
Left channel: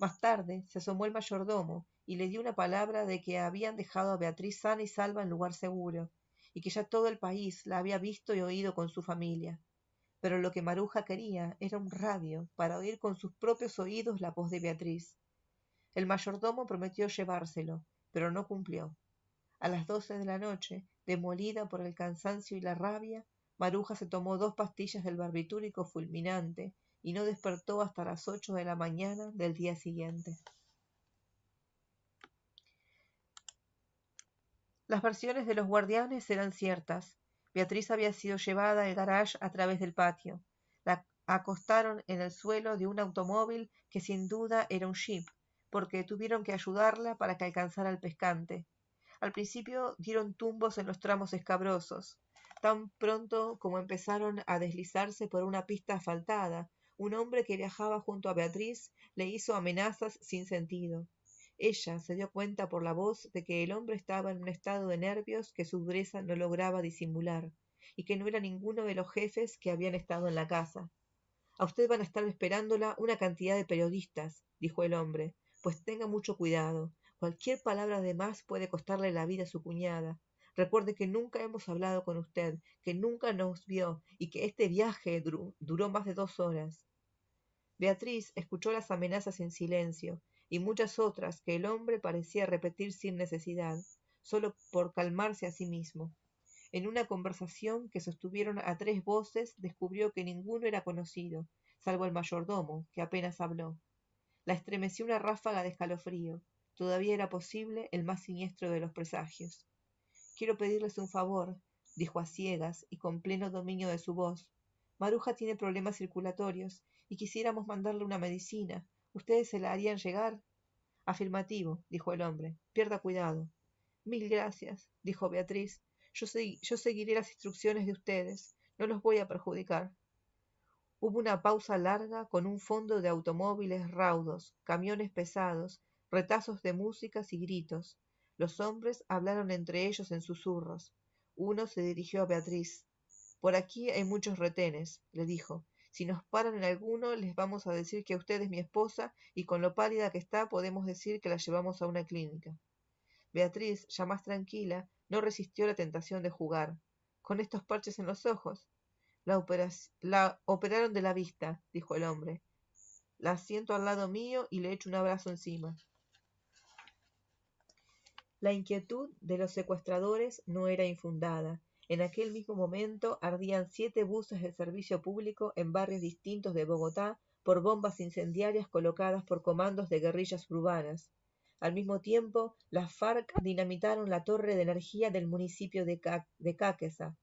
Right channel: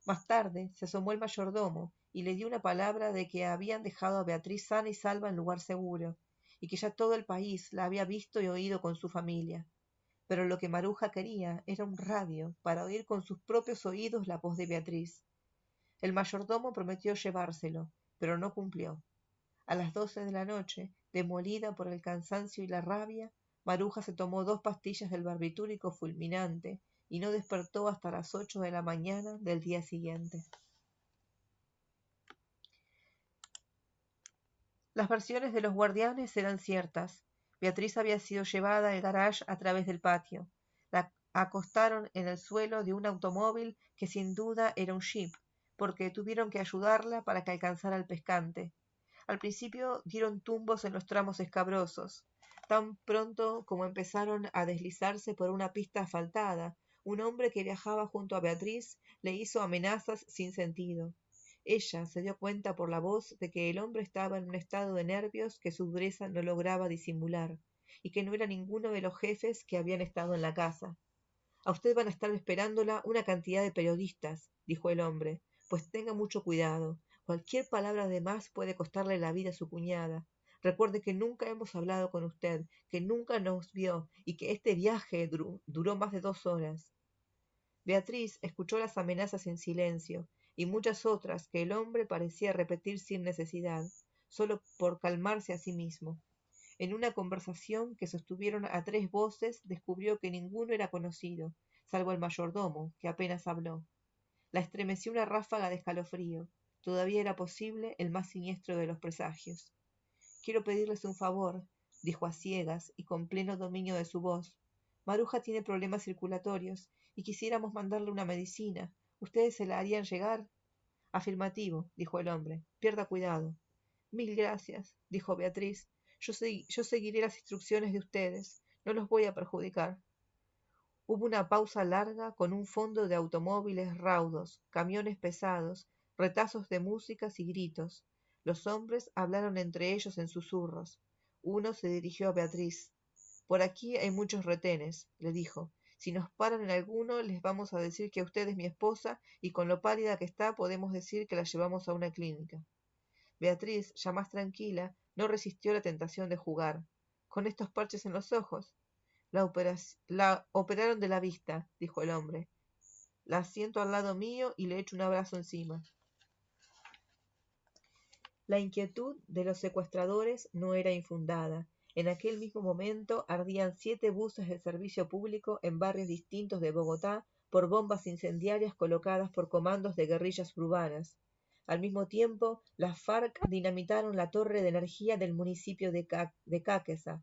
Más tarde se asomó el mayordomo y le dio una palabra de que habían dejado a Beatriz sana y salva en lugar seguro, y que ya todo el país la había visto y oído con su familia. Pero lo que Maruja quería era un radio para oír con sus propios oídos la voz de Beatriz. El mayordomo prometió llevárselo, pero no cumplió. A las 12 de la noche, demolida por el cansancio y la rabia, Maruja se tomó 2 pastillas del barbitúrico fulminante y no despertó hasta las 8 de la mañana del día siguiente. Las versiones de los guardianes eran ciertas. Beatriz había sido llevada del garage a través del patio. La acostaron en el suelo de un automóvil que sin duda era un jeep, porque tuvieron que ayudarla para que alcanzara el pescante. Al principio dieron tumbos en los tramos escabrosos. Tan pronto como empezaron a deslizarse por una pista asfaltada, un hombre que viajaba junto a Beatriz le hizo amenazas sin sentido. Ella se dio cuenta por la voz de que el hombre estaba en un estado de nervios que su dureza no lograba disimular, y que no era ninguno de los jefes que habían estado en la casa. A usted van a estar esperándola una cantidad de periodistas, dijo el hombre, pues tenga mucho cuidado. Cualquier palabra de más puede costarle la vida a su cuñada. Recuerde que nunca hemos hablado con usted, que nunca nos vio y que este viaje duró más de 2 horas. Beatriz escuchó las amenazas en silencio y muchas otras que el hombre parecía repetir sin necesidad, solo por calmarse a sí mismo. En una conversación que sostuvieron a 3 voces, descubrió que ninguno era conocido, salvo el mayordomo, que apenas habló. La estremeció una ráfaga de escalofrío. Todavía era posible el más siniestro de los presagios. Quiero pedirles un favor, dijo a ciegas y con pleno dominio de su voz. Maruja tiene problemas circulatorios y quisiéramos mandarle una medicina. ¿Ustedes se la harían llegar? Afirmativo, dijo el hombre. Pierda cuidado. Mil gracias, dijo Beatriz. Yo seguiré las instrucciones de ustedes. No los voy a perjudicar. Hubo una pausa larga con un fondo de automóviles raudos, camiones pesados, retazos de músicas y gritos. Los hombres hablaron entre ellos en susurros. Uno se dirigió a Beatriz. Por aquí hay muchos retenes, le dijo. Si nos paran alguno, les vamos a decir que usted es mi esposa y con lo pálida que está podemos decir que la llevamos a una clínica. Beatriz, ya más tranquila, no resistió la tentación de jugar. Con estos parches en los ojos. La operaron de la vista, dijo el hombre. La siento al lado mío y le echo un abrazo encima. La inquietud de los secuestradores no era infundada. En aquel mismo momento ardían 7 buses de servicio público en barrios distintos de Bogotá por bombas incendiarias colocadas por comandos de guerrillas urbanas. Al mismo tiempo, las FARC dinamitaron la torre de energía del municipio de Cáqueza,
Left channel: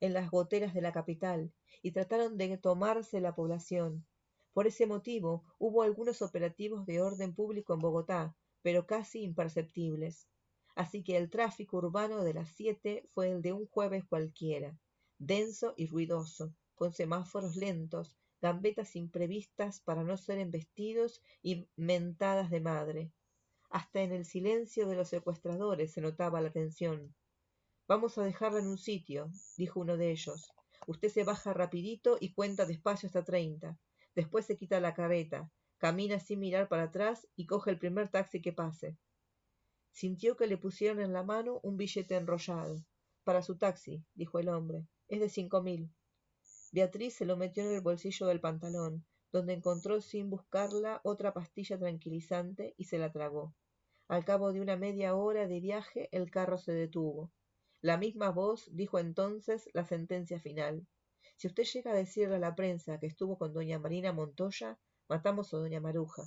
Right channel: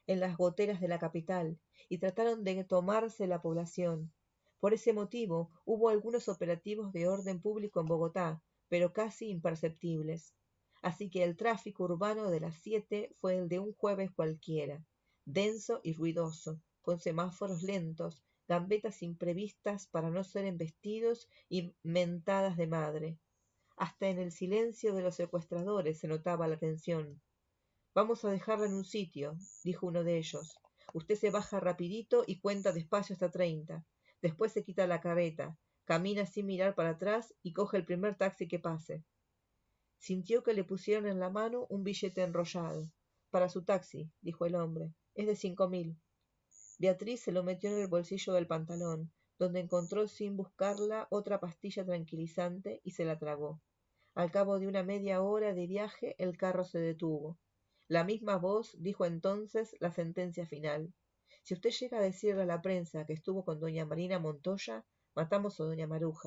en las boteras de la capital, y trataron de tomarse la población. Por ese motivo, hubo algunos operativos de orden público en Bogotá, pero casi imperceptibles. Así que el tráfico urbano de las 7 fue el de un jueves cualquiera, denso y ruidoso, con semáforos lentos, gambetas imprevistas para no ser embestidos y mentadas de madre. Hasta en el silencio de los secuestradores se notaba la tensión. Vamos a dejarlo en un sitio, dijo uno de ellos. Usted se baja rapidito y cuenta despacio hasta 30. Después se quita la careta, camina sin mirar para atrás y coge el primer taxi que pase. Sintió que le pusieron en la mano un billete enrollado. Para su taxi, dijo el hombre. Es de 5.000. Beatriz se lo metió en el bolsillo del pantalón, donde encontró sin buscarla otra pastilla tranquilizante y se la tragó. Al cabo de una media hora de viaje, el carro se detuvo. La misma voz dijo entonces la sentencia final. Si usted llega a decirle a la prensa que estuvo con doña Marina Montoya, matamos a doña Maruja.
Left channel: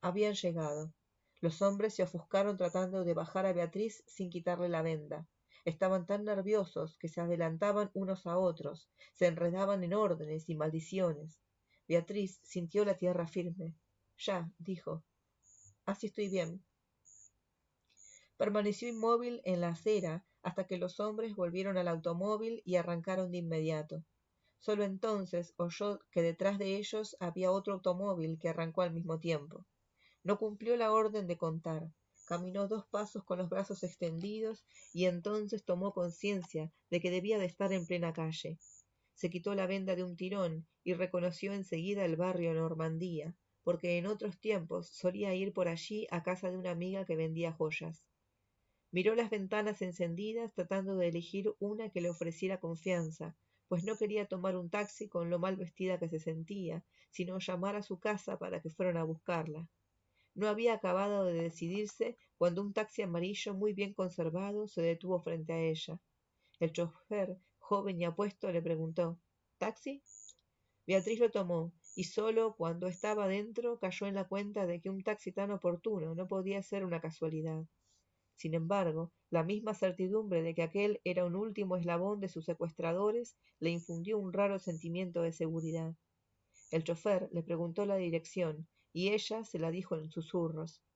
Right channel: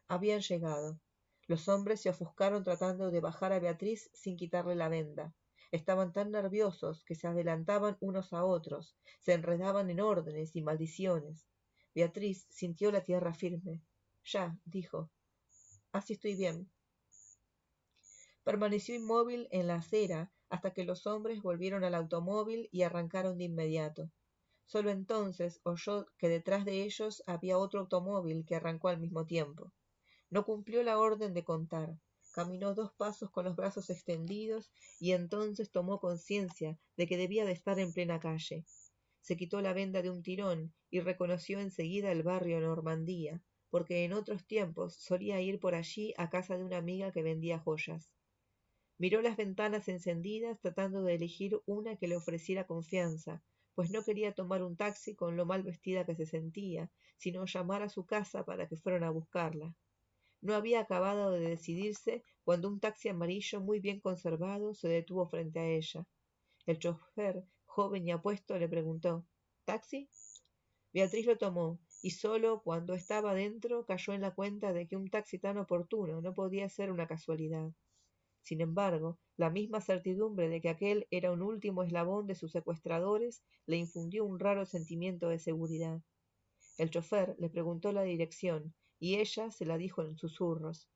Habían llegado. Los hombres se ofuscaron tratando de bajar a Beatriz sin quitarle la venda. Estaban tan nerviosos que se adelantaban unos a otros, se enredaban en órdenes y maldiciones. Beatriz sintió la tierra firme. Ya, dijo. Así estoy bien. Permaneció inmóvil en la acera hasta que los hombres volvieron al automóvil y arrancaron de inmediato. Solo entonces oyó que detrás de ellos había otro automóvil que arrancó al mismo tiempo. No cumplió la orden de contar. Caminó 2 pasos con los brazos extendidos y entonces tomó conciencia de que debía de estar en plena calle. Se quitó la venda de un tirón y reconoció enseguida el barrio de Normandía, porque en otros tiempos solía ir por allí a casa de una amiga que vendía joyas. Miró las ventanas encendidas tratando de elegir una que le ofreciera confianza, pues no quería tomar un taxi con lo mal vestida que se sentía, sino llamar a su casa para que fueran a buscarla. No había acabado de decidirse cuando un taxi amarillo muy bien conservado se detuvo frente a ella. El chofer, joven y apuesto, le preguntó: ¿Taxi? Beatriz lo tomó, y solo cuando estaba dentro cayó en la cuenta de que un taxi tan oportuno no podía ser una casualidad. Sin embargo, la misma certidumbre de que aquel era un último eslabón de sus secuestradores le infundió un raro sentimiento de seguridad. El chofer le preguntó la dirección, y ella se la dijo en susurros.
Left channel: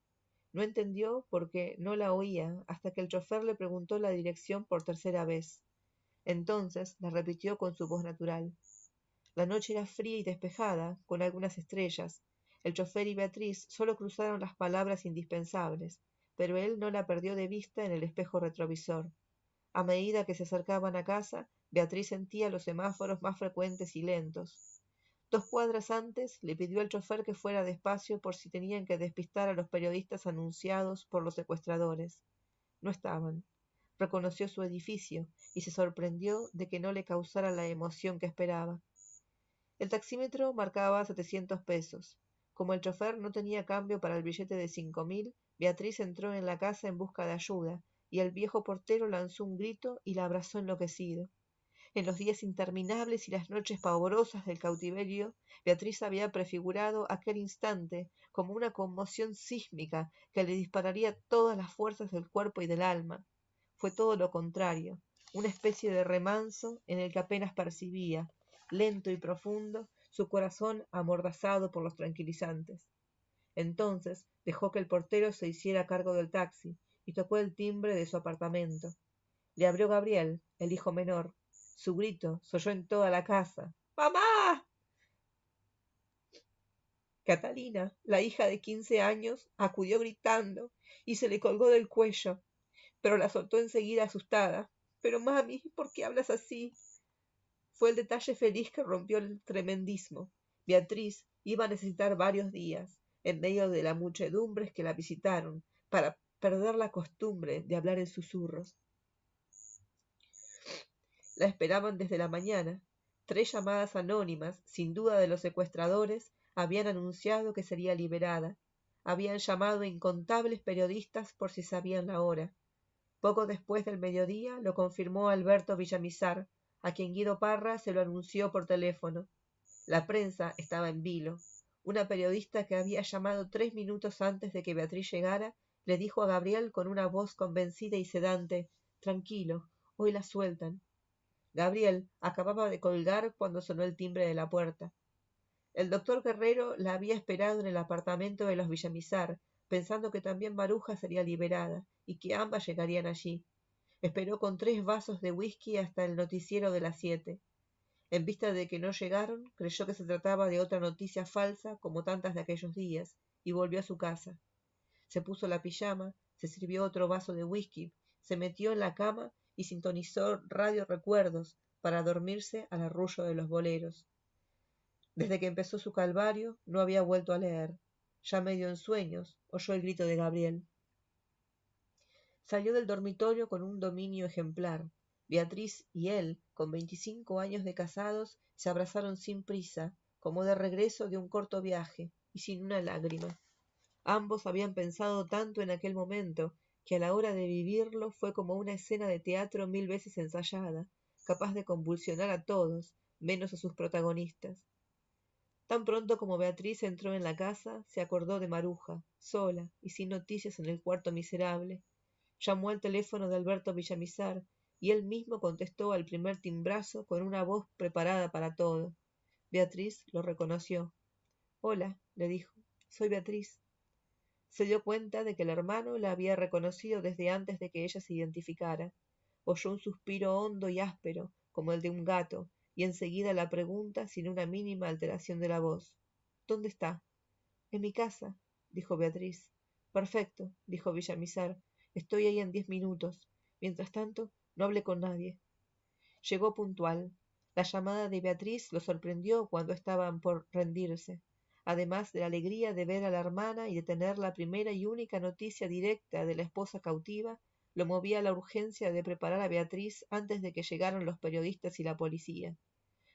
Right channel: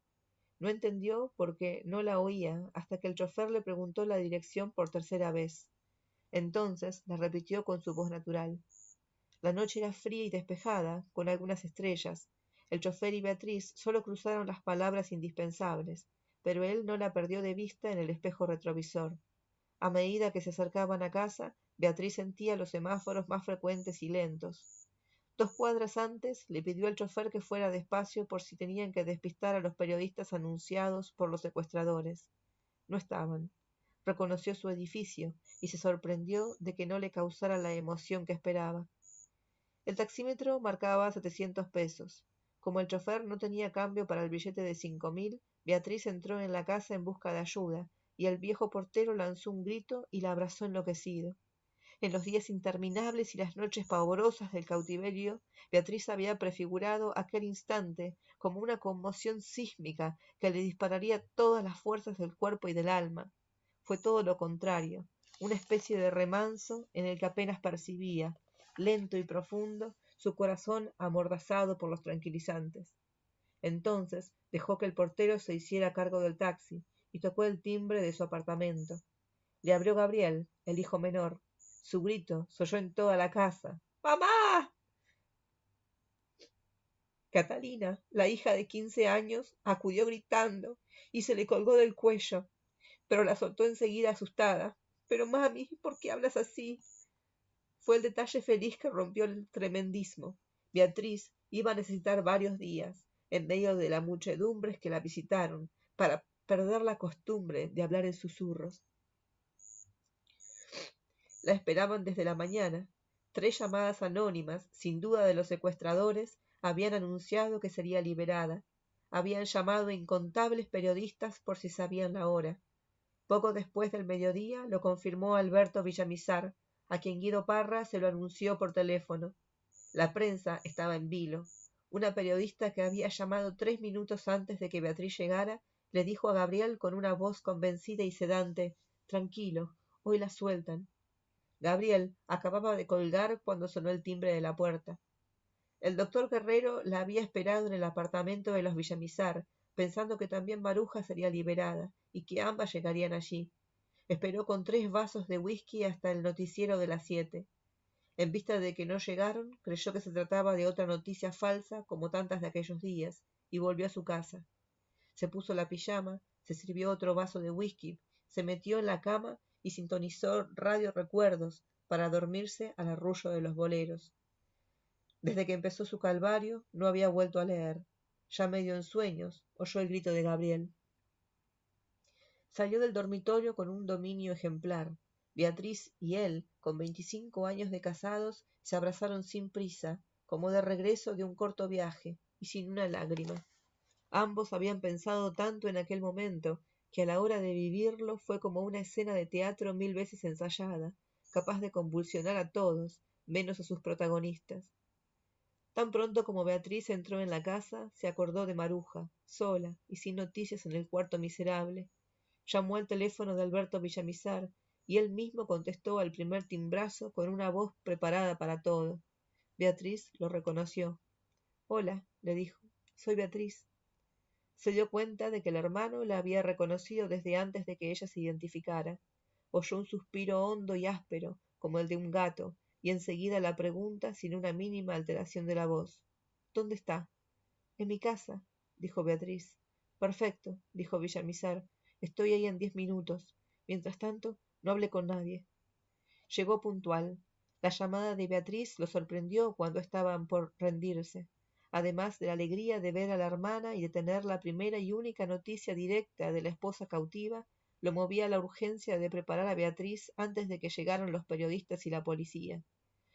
No entendió porque no la oía hasta que el chofer le preguntó la dirección por tercera vez. Entonces la repitió con su voz natural. La noche era fría y despejada, con algunas estrellas. El chofer y Beatriz solo cruzaron las palabras indispensables, pero él no la perdió de vista en el espejo retrovisor. A medida que se acercaban a casa, Beatriz sentía los semáforos más frecuentes y lentos. 2 cuadras antes le pidió al chofer que fuera despacio por si tenían que despistar a los periodistas anunciados por los secuestradores. No estaban. Reconoció su edificio y se sorprendió de que no le causara la emoción que esperaba. El taxímetro marcaba 700 pesos. Como el chofer no tenía cambio para el billete de 5.000, Beatriz entró en la casa en busca de ayuda, y el viejo portero lanzó un grito y la abrazó enloquecido. En los días interminables y las noches pavorosas del cautiverio, Beatriz había prefigurado aquel instante como una conmoción sísmica que le dispararía todas las fuerzas del cuerpo y del alma. Fue todo lo contrario, una especie de remanso en el que apenas percibía, lento y profundo, su corazón amordazado por los tranquilizantes. Entonces dejó que el portero se hiciera cargo del taxi y tocó el timbre de su apartamento. Le abrió Gabriel, el hijo menor. Su grito se oyó en toda la casa. ¡Mamá! Catalina, la hija de 15 años, acudió gritando y se le colgó del cuello, pero la soltó enseguida asustada. Pero mami, ¿por qué hablas así? Fue el detalle feliz que rompió el tremendismo. Beatriz iba a necesitar varios días, en medio de la muchedumbre que la visitaron, para perder la costumbre de hablar en susurros. La esperaban desde la mañana. 3 llamadas anónimas, sin duda de los secuestradores, habían anunciado que sería liberada. Habían llamado incontables periodistas por si sabían la hora. Poco después del mediodía lo confirmó Alberto Villamizar, a quien Guido Parra se lo anunció por teléfono. La prensa estaba en vilo. Una periodista que había llamado 3 minutos antes de que Beatriz llegara, le dijo a Gabriel con una voz convencida y sedante: «Tranquilo, hoy la sueltan». Gabriel acababa de colgar cuando sonó el timbre de la puerta. El doctor Guerrero la había esperado en el apartamento de los Villamizar, pensando que también Maruja sería liberada y que ambas llegarían allí. Esperó con 3 vasos de whisky hasta el noticiero de las 7. En vista de que no llegaron, creyó que se trataba de otra noticia falsa, como tantas de aquellos días, y volvió a su casa. Se puso la pijama, se sirvió otro vaso de whisky, se metió en la cama y sintonizó Radio Recuerdos para dormirse al arrullo de los boleros. Desde que empezó su calvario no había vuelto a leer. Ya medio en sueños, oyó el grito de Gabriel. Salió del dormitorio con un dominio ejemplar. Beatriz y él, con 25 años de casados, se abrazaron sin prisa, como de regreso de un corto viaje, y sin una lágrima. Ambos habían pensado tanto en aquel momento que a la hora de vivirlo fue como una escena de teatro 1000 veces ensayada, capaz de convulsionar a todos, menos a sus protagonistas. Tan pronto como Beatriz entró en la casa, se acordó de Maruja, sola y sin noticias en el cuarto miserable. Llamó al teléfono de Alberto Villamizar y él mismo contestó al primer timbrazo con una voz preparada para todo. Beatriz lo reconoció. «Hola», le dijo, «soy Beatriz». Se dio cuenta de que el hermano la había reconocido desde antes de que ella se identificara. Oyó un suspiro hondo y áspero, como el de un gato, y enseguida la pregunta sin una mínima alteración de la voz. «¿Dónde está?» «En mi casa», dijo Beatriz. Perfecto, dijo Villamizar. Estoy ahí en 10 minutos. Mientras tanto, no hablé con nadie. Llegó puntual. La llamada de Beatriz lo sorprendió cuando estaban por rendirse. Además de la alegría de ver a la hermana y de tener la primera y única noticia directa de la esposa cautiva, lo movía la urgencia de preparar a Beatriz antes de que llegaran los periodistas y la policía.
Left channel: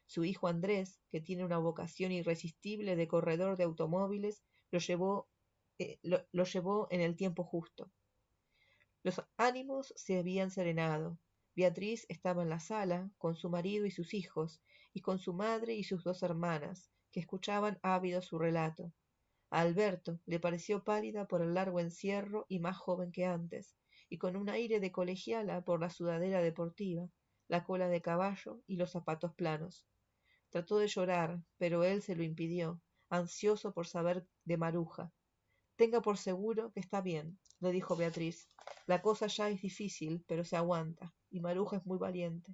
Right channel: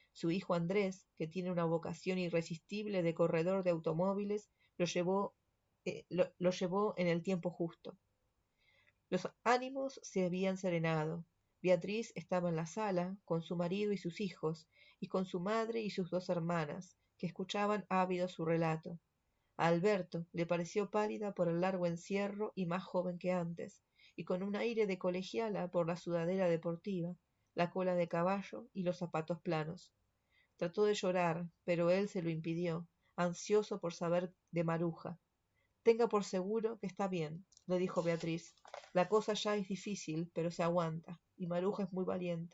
Su hijo Andrés, que tiene una vocación irresistible de corredor de automóviles, lo llevó en el tiempo justo. Los ánimos se habían serenado. Beatriz estaba en la sala con su marido y sus hijos, y con su madre y sus 2 hermanas, que escuchaban ávidos su relato. A Alberto le pareció pálida por el largo encierro y más joven que antes, y con un aire de colegiala por la sudadera deportiva, la cola de caballo y los zapatos planos. Trató de llorar, pero él se lo impidió, ansioso por saber de Maruja. Tenga por seguro que está bien, le dijo Beatriz. La cosa ya es difícil, pero se aguanta, y Maruja es muy valiente.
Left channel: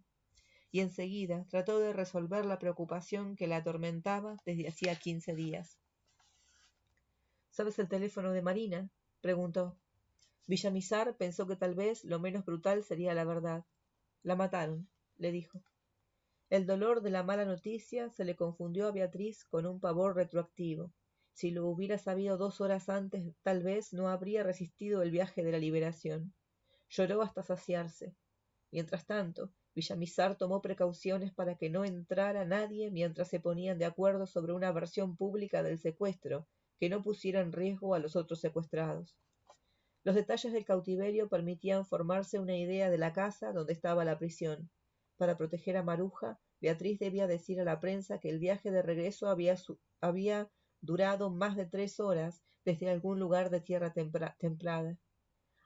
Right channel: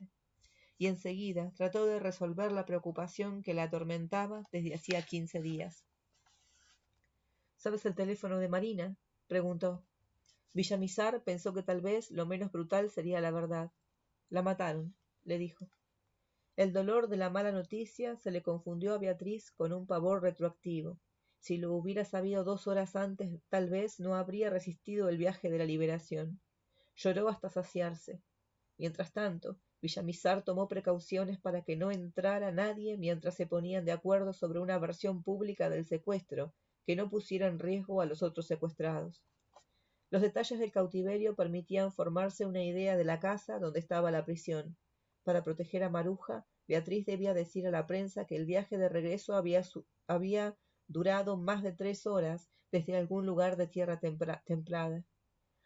Y enseguida trató de resolver la preocupación que la atormentaba desde hacía 15 días. ¿Sabes el teléfono de Marina?, preguntó. Villamizar pensó que tal vez lo menos brutal sería la verdad. La mataron, le dijo. El dolor de la mala noticia se le confundió a Beatriz con un pavor retroactivo. Si lo hubiera sabido 2 horas antes, tal vez no habría resistido el viaje de la liberación. Lloró hasta saciarse. Mientras tanto, Villamizar tomó precauciones para que no entrara nadie mientras se ponían de acuerdo sobre una versión pública del secuestro, que no pusiera en riesgo a los otros secuestrados. Los detalles del cautiverio permitían formarse una idea de la casa donde estaba la prisión. Para proteger a Maruja, Beatriz debía decir a la prensa que el viaje de regreso había durado más de 3 horas desde algún lugar de tierra templada.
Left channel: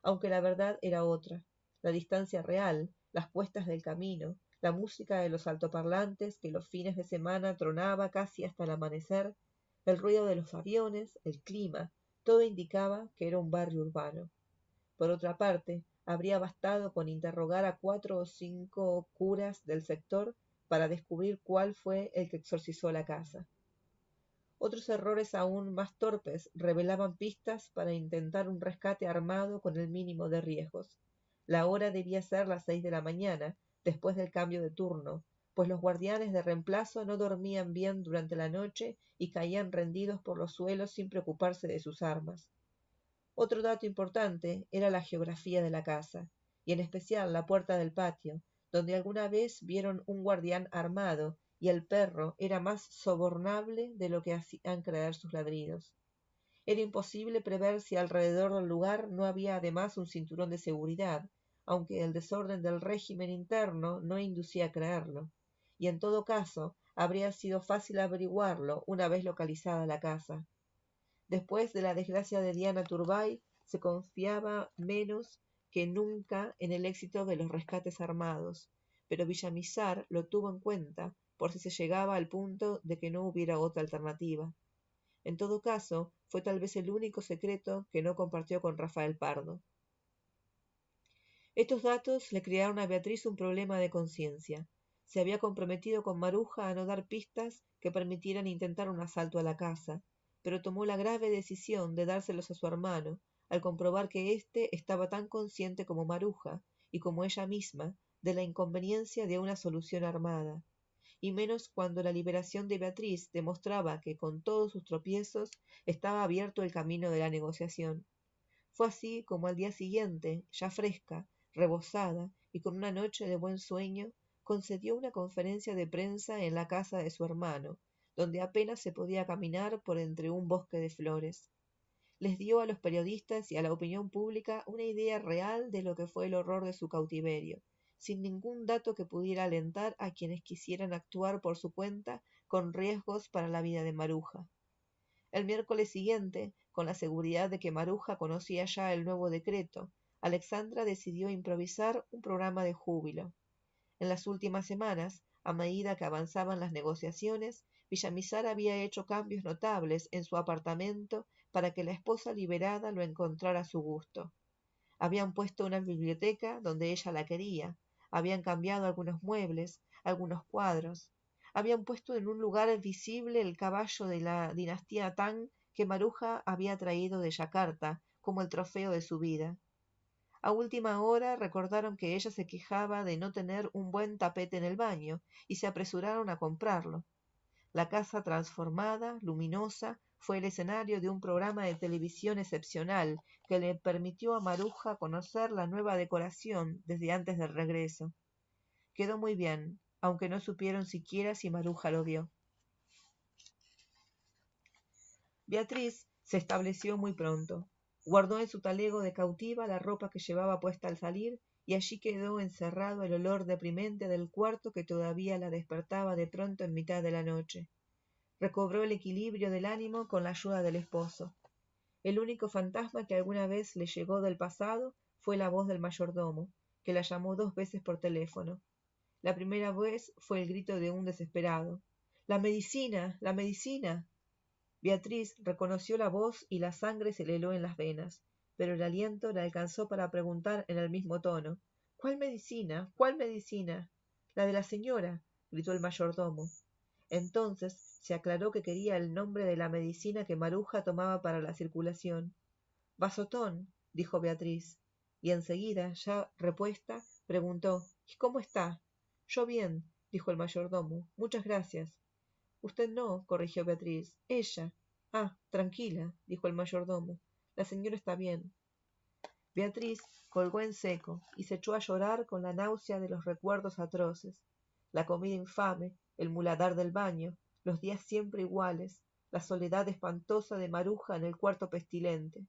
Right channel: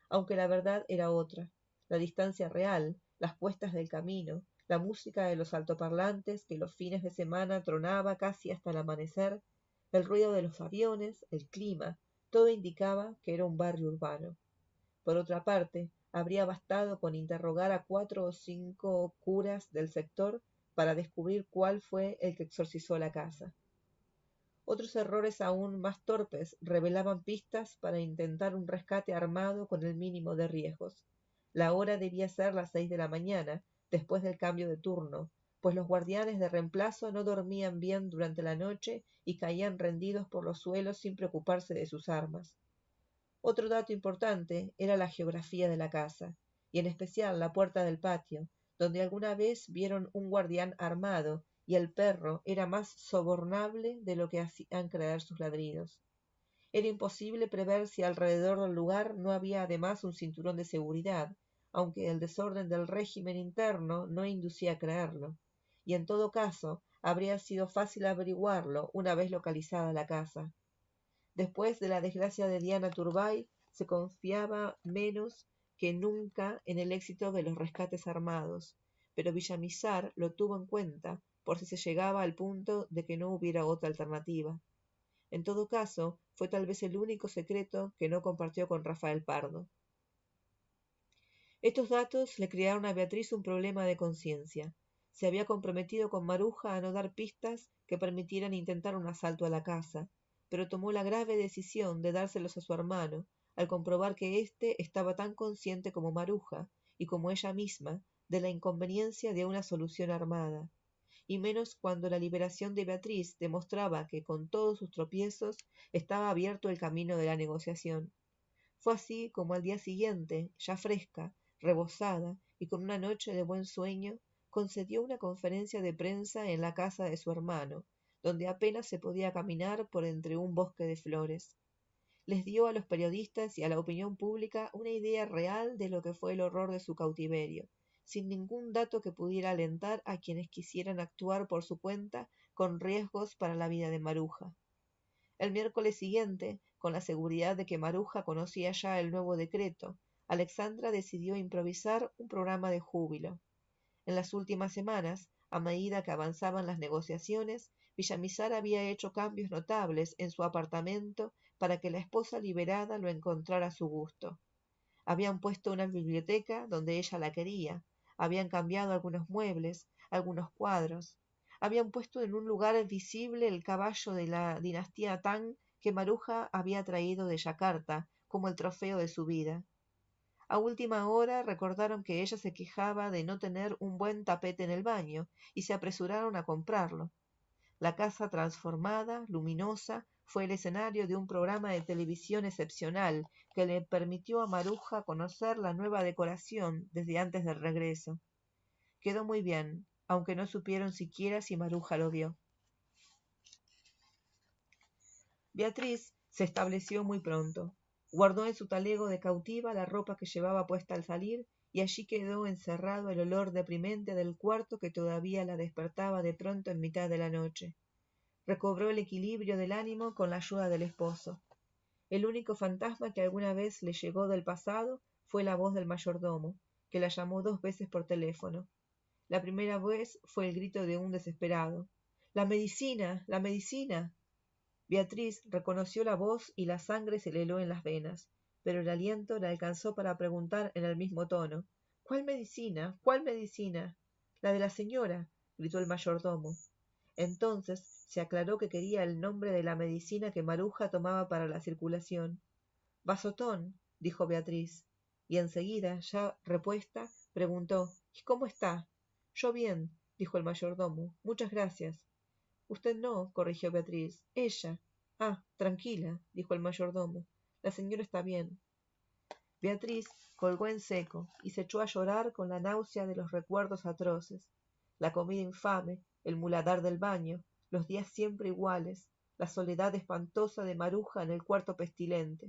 Aunque la verdad era otra. La distancia real, las puestas del camino, la música de los altoparlantes que los fines de semana tronaba casi hasta el amanecer, el ruido de los aviones, el clima, todo indicaba que era un barrio urbano. Por otra parte, habría bastado con interrogar a 4 o 5 curas del sector para descubrir cuál fue el que exorcizó la casa. Otros errores aún más torpes revelaban pistas para intentar un rescate armado con el mínimo de riesgos. La hora debía ser las 6 de la mañana, después del cambio de turno, pues los guardianes de reemplazo no dormían bien durante la noche y caían rendidos por los suelos sin preocuparse de sus armas. Otro dato importante era la geografía de la casa, y en especial la puerta del patio, donde alguna vez vieron un guardián armado, y el perro era más sobornable de lo que hacían creer sus ladridos. Era imposible prever si alrededor del lugar no había además un cinturón de seguridad, aunque el desorden del régimen interno no inducía a creerlo, y en todo caso habría sido fácil averiguarlo una vez localizada la casa. Después de la desgracia de Diana Turbay, se confiaba menos que nunca en el éxito de los rescates armados, pero Villamizar lo tuvo en cuenta por si se llegaba al punto de que no hubiera otra alternativa. En todo caso, fue tal vez el único secreto que no compartió con Rafael Pardo. Estos datos le crearon a Beatriz un problema de conciencia. Se había comprometido con Maruja a no dar pistas que permitieran intentar un asalto a la casa, pero tomó la grave decisión de dárselos a su hermano, al comprobar que éste estaba tan consciente como Maruja, y como ella misma, de la inconveniencia de una solución armada, y menos cuando la liberación de Beatriz demostraba que con todos sus tropiezos estaba abierto el camino de la negociación. Fue así como al día siguiente, ya fresca, rebosada y con una noche de buen sueño, concedió una conferencia de prensa en la casa de su hermano, donde apenas se podía caminar por entre un bosque de flores. Les dio a los periodistas y a la opinión pública una idea real de lo que fue el horror de su cautiverio, sin ningún dato que pudiera alentar a quienes quisieran actuar por su cuenta con riesgos para la vida de Maruja. El miércoles siguiente, con la seguridad de que Maruja conocía ya el nuevo decreto, Alexandra decidió improvisar un programa de júbilo. En las últimas semanas, a medida que avanzaban las negociaciones, Villamizar había hecho cambios notables en su apartamento para que la esposa liberada lo encontrara a su gusto. Habían puesto una biblioteca donde ella la quería, habían cambiado algunos muebles, algunos cuadros, habían puesto en un lugar visible el caballo de la dinastía Tang que Maruja había traído de Yakarta como el trofeo de su vida. A última hora recordaron que ella se quejaba de no tener un buen tapete en el baño y se apresuraron a comprarlo. La casa transformada, luminosa, fue el escenario de un programa de televisión excepcional que le permitió a Maruja conocer la nueva decoración desde antes del regreso. Quedó muy bien, aunque no supieron siquiera si Maruja lo vio. Beatriz se estableció muy pronto. Guardó en su talego de cautiva la ropa que llevaba puesta al salir y allí quedó encerrado el olor deprimente del cuarto que todavía la despertaba de pronto en mitad de la noche. Recobró el equilibrio del ánimo con la ayuda del esposo. El único fantasma que alguna vez le llegó del pasado fue la voz del mayordomo, que la llamó 2 veces por teléfono. La primera vez fue el grito de un desesperado. ¡La medicina! ¡La medicina! Beatriz reconoció la voz y la sangre se le heló en las venas, pero el aliento le alcanzó para preguntar en el mismo tono. ¿Cuál medicina? ¿Cuál medicina? La de la señora, gritó el mayordomo. Entonces se aclaró que quería el nombre de la medicina que Maruja tomaba para la circulación. Vasotón, dijo Beatriz, y enseguida, ya repuesta, preguntó, ¿y cómo está? Yo bien, dijo el mayordomo, muchas gracias. Usted no, corrigió Beatriz, ella. Ah, tranquila, dijo el mayordomo, la señora está bien. Beatriz colgó en seco y se echó a llorar con la náusea de los recuerdos atroces. La comida infame, el muladar del baño, los días siempre iguales, la soledad espantosa de Maruja en el cuarto pestilente.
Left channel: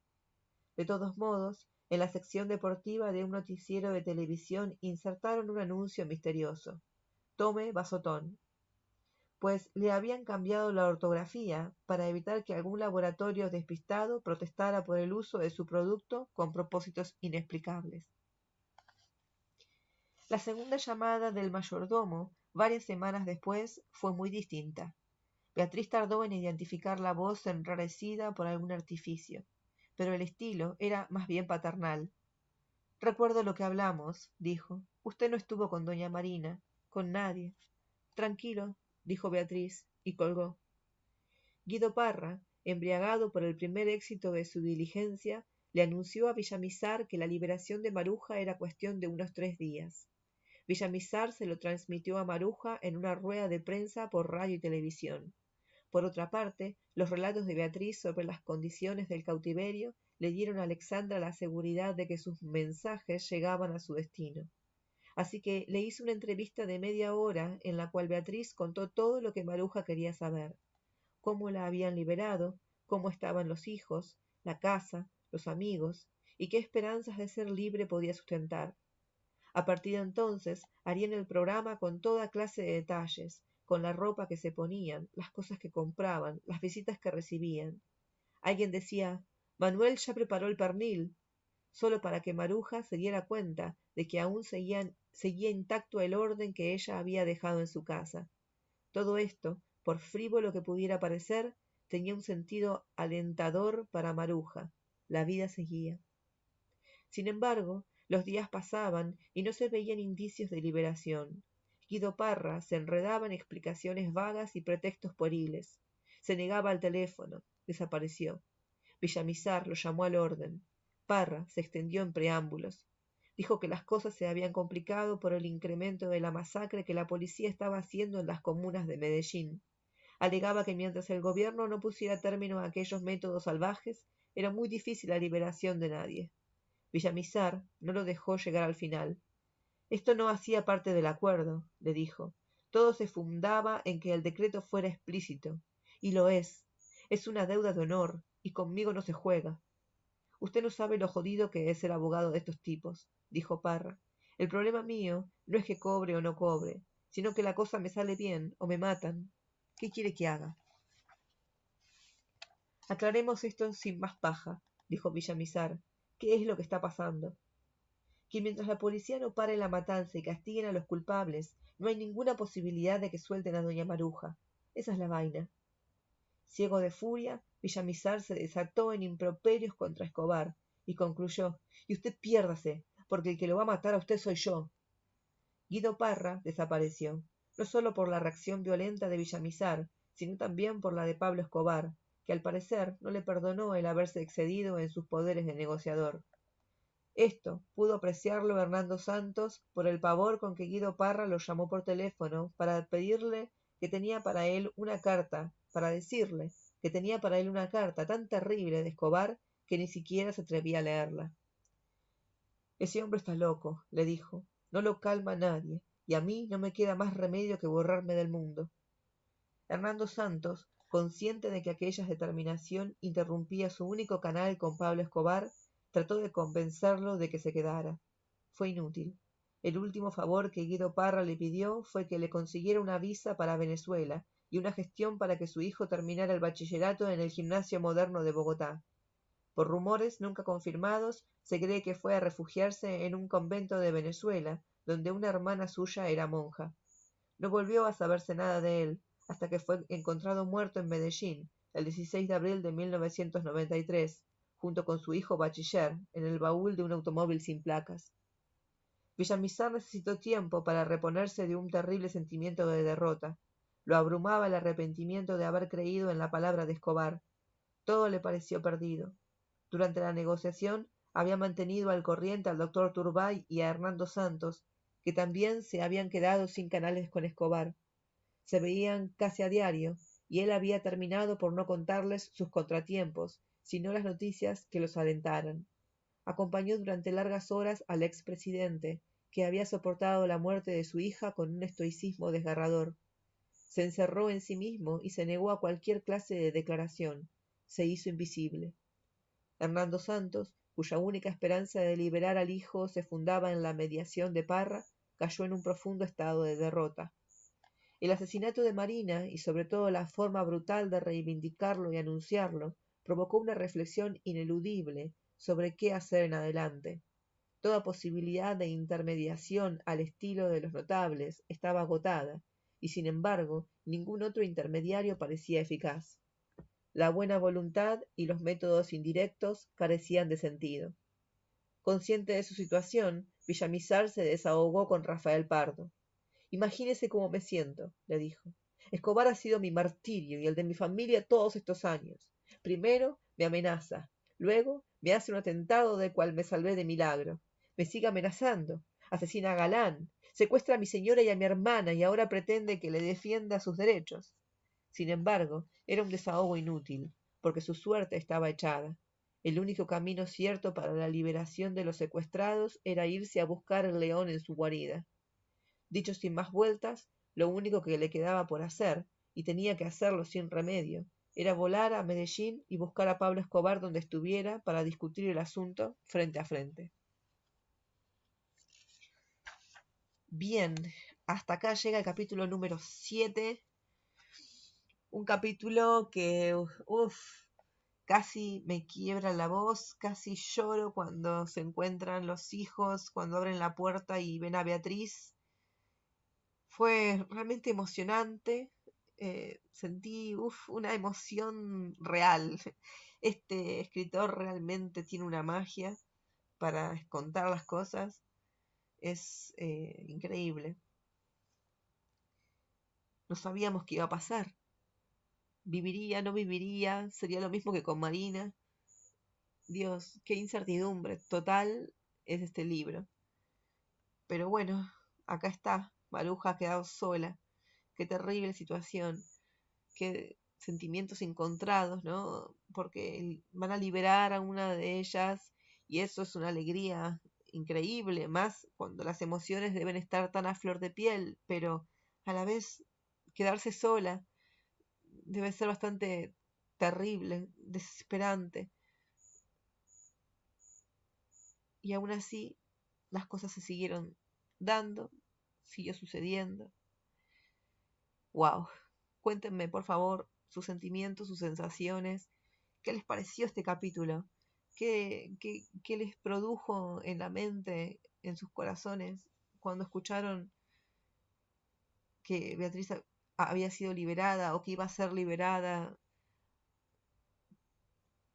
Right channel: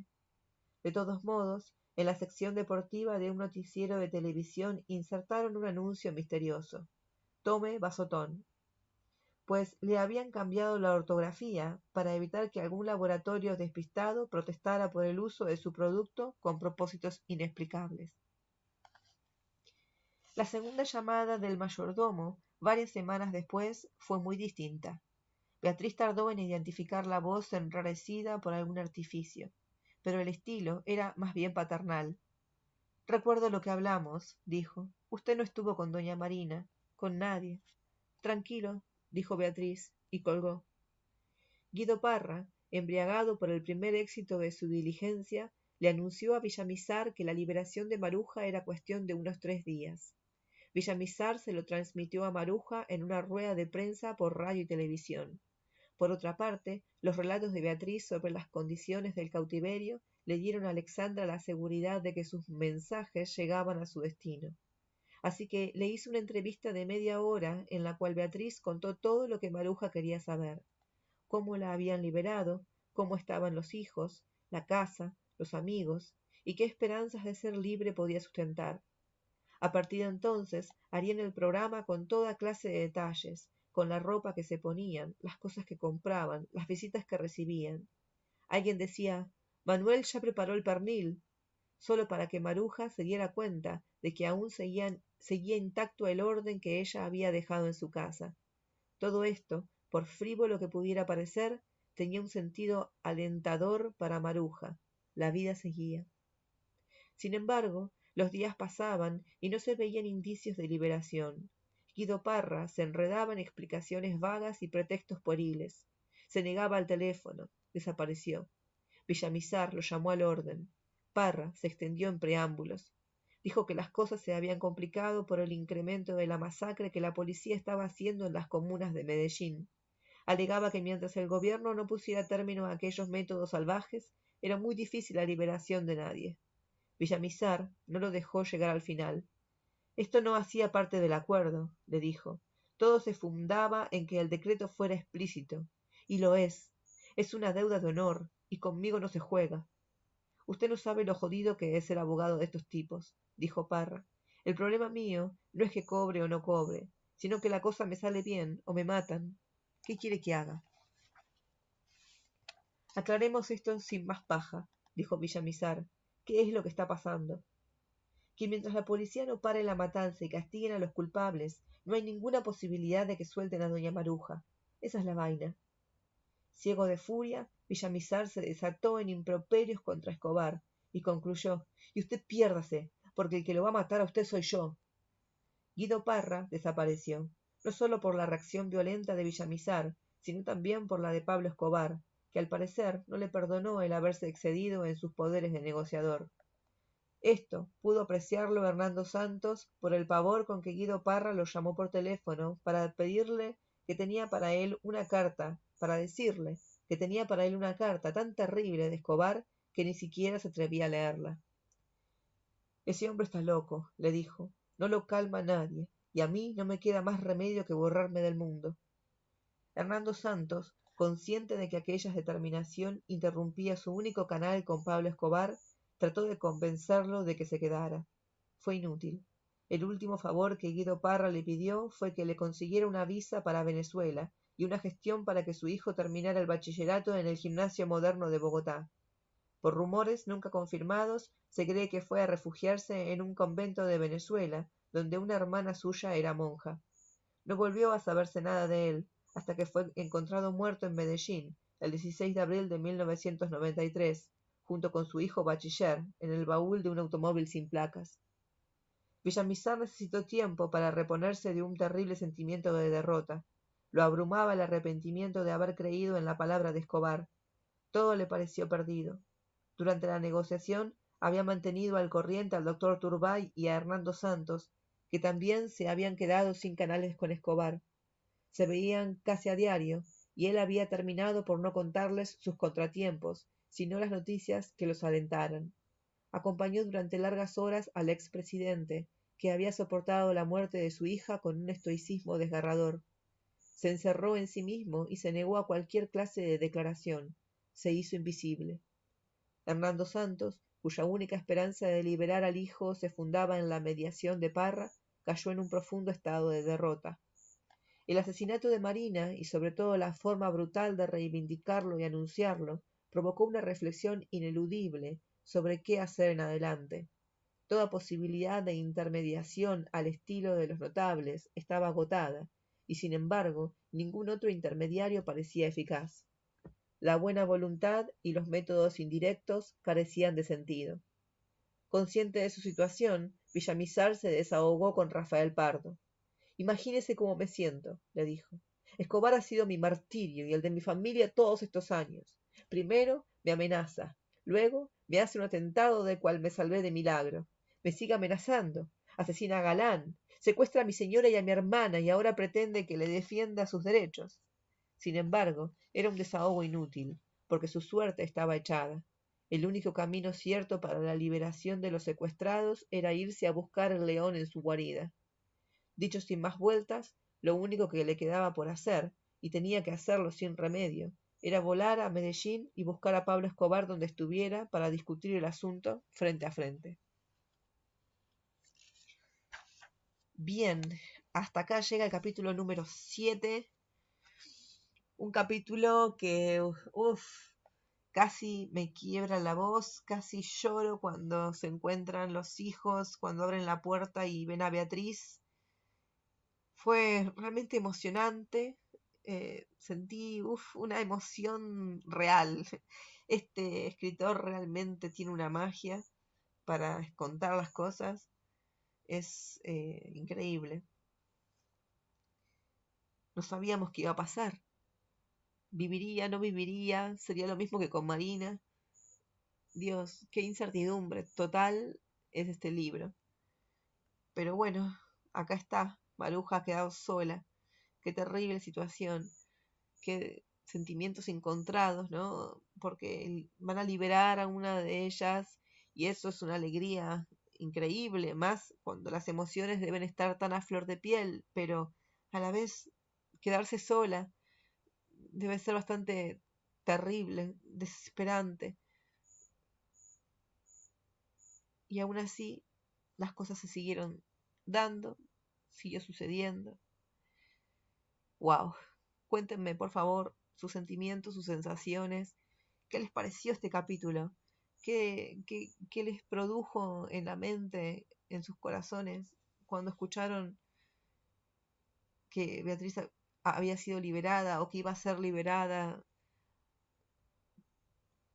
De todos modos, en la sección deportiva de un noticiero de televisión insertaron un anuncio misterioso. Tome Vasotón. Pues le habían cambiado la ortografía para evitar que algún laboratorio despistado protestara por el uso de su producto con propósitos inexplicables. La segunda llamada del mayordomo, varias semanas después, fue muy distinta. Beatriz tardó en identificar la voz enrarecida por algún artificio, pero el estilo era más bien paternal. Recuerdo lo que hablamos, dijo. Usted no estuvo con doña Marina, con nadie. Tranquilo, dijo Beatriz, y colgó. Guido Parra, embriagado por el primer éxito de su diligencia, le anunció a Villamizar que la liberación de Maruja era cuestión de unos 3 días. Villamizar se lo transmitió a Maruja en una rueda de prensa por radio y televisión. Por otra parte, los relatos de Beatriz sobre las condiciones del cautiverio le dieron a Alexandra la seguridad de que sus mensajes llegaban a su destino. Así que le hizo una entrevista de media hora en la cual Beatriz contó todo lo que Maruja quería saber. Cómo la habían liberado, cómo estaban los hijos, la casa, los amigos, y qué esperanzas de ser libre podía sustentar. A partir de entonces, harían el programa con toda clase de detalles, con la ropa que se ponían, las cosas que compraban, las visitas que recibían. Alguien decía, Manuel ya preparó el pernil, solo para que Maruja se diera cuenta de que aún seguía intacto el orden que ella había dejado en su casa. Todo esto, por frívolo que pudiera parecer, tenía un sentido alentador para Maruja. La vida seguía. Sin embargo, los días pasaban y no se veían indicios de liberación. Guido Parra se enredaba en explicaciones vagas y pretextos pueriles. Se negaba al teléfono, desapareció. Villamizar lo llamó al orden. Parra se extendió en preámbulos. Dijo que las cosas se habían complicado por el incremento de la masacre que la policía estaba haciendo en las comunas de Medellín. Alegaba que mientras el gobierno no pusiera término a aquellos métodos salvajes, era muy difícil la liberación de nadie. Villamizar no lo dejó llegar al final. Esto no hacía parte del acuerdo, le dijo. Todo se fundaba en que el decreto fuera explícito. Y lo es. Es una deuda de honor, y conmigo no se juega. Usted no sabe lo jodido que es ser abogado de estos tipos, dijo Parra. El problema mío no es que cobre o no cobre, sino que la cosa me sale bien o me matan. ¿Qué quiere que haga? Aclaremos esto sin más paja, dijo Villamizar. ¿Qué es lo que está pasando? Que mientras la policía no pare la matanza y castiguen a los culpables, no hay ninguna posibilidad de que suelten a doña Maruja. Esa es la vaina. Ciego de furia, Villamizar se desató en improperios contra Escobar y concluyó, y usted piérdase, porque el que lo va a matar a usted soy yo. Guido Parra desapareció, no solo por la reacción violenta de Villamizar, sino también por la de Pablo Escobar, que al parecer no le perdonó el haberse excedido en sus poderes de negociador. Esto pudo apreciarlo Hernando Santos por el pavor con que Guido Parra lo llamó por teléfono para pedirle que tenía para él una carta, para decirle que tenía para él una carta tan terrible de Escobar que ni siquiera se atrevía a leerla. Ese hombre está loco, le dijo, no lo calma nadie, y a mí no me queda más remedio que borrarme del mundo. Hernando Santos, consciente de que aquella determinación interrumpía su único canal con Pablo Escobar, trató de compensarlo de que se quedara. Fue inútil. El último favor que Guido Parra le pidió fue que le consiguiera una visa para Venezuela y una gestión para que su hijo terminara el bachillerato en el Gimnasio Moderno de Bogotá. Por rumores nunca confirmados, se cree que fue a refugiarse en un convento de Venezuela, donde una hermana suya era monja. No volvió a saberse nada de él, hasta que fue encontrado muerto en Medellín, el 16 de abril de 1993, junto con su hijo bachiller, en el baúl de un automóvil sin placas. Villamizar necesitó tiempo para reponerse de un terrible sentimiento de derrota. Lo abrumaba el arrepentimiento de haber creído en la palabra de Escobar. Todo le pareció perdido. Durante la negociación había mantenido al corriente al doctor Turbay y a Hernando Santos, que también se habían quedado sin canales con Escobar. Se veían casi a diario, y él había terminado por no contarles sus contratiempos, sino las noticias que los alentaran. Acompañó durante largas horas al expresidente, que había soportado la muerte de su hija con un estoicismo desgarrador. Se encerró en sí mismo y se negó a cualquier clase de declaración. Se hizo invisible. Hernando Santos, cuya única esperanza de liberar al hijo se fundaba en la mediación de Parra, cayó en un profundo estado de derrota. El asesinato de Marina y sobre todo la forma brutal de reivindicarlo y anunciarlo provocó una reflexión ineludible sobre qué hacer en adelante. Toda posibilidad de intermediación al estilo de los notables estaba agotada, y sin embargo ningún otro intermediario parecía eficaz. La buena voluntad y los métodos indirectos carecían de sentido. Consciente de su situación, Villamizar se desahogó con Rafael Pardo. Imagínese cómo me siento, le dijo. Escobar ha sido mi martirio y el de mi familia todos estos años. Primero me amenaza, luego me hace un atentado del cual me salvé de milagro. Me sigue amenazando, asesina a Galán, secuestra a mi señora y a mi hermana y ahora pretende que le defienda sus derechos. Sin embargo, era un desahogo inútil, porque su suerte estaba echada. El único camino cierto para la liberación de los secuestrados era irse a buscar al león en su guarida. Dicho sin más vueltas, lo único que le quedaba por hacer, y tenía que hacerlo sin remedio, era volar a Medellín y buscar a Pablo Escobar donde estuviera para discutir el asunto frente a frente. Bien, hasta acá llega el capítulo número 7, un capítulo que, casi me quiebra la voz, casi lloro cuando se encuentran los hijos, cuando abren la puerta y ven a Beatriz. Fue realmente emocionante, sentí una emoción real. Este escritor realmente tiene una magia para contar las cosas, es increíble. No sabíamos qué iba a pasar. Viviría, no viviría, sería lo mismo que con Marina. Dios, qué incertidumbre total en este libro. Pero bueno, acá está, Maruja ha quedado sola. Qué terrible situación, qué sentimientos encontrados, ¿no? Porque van a liberar a una de ellas y eso es una alegría increíble, más cuando las emociones deben estar tan a flor de piel, pero a la vez quedarse sola debe ser bastante terrible, desesperante. Y aún así, las cosas se siguieron dando, siguió sucediendo. ¡Wow! Cuéntenme, por favor, sus sentimientos, sus sensaciones. ¿Qué les pareció este capítulo? ¿Qué les produjo en la mente, en sus corazones, cuando escucharon que Beatriz había sido liberada o que iba a ser liberada?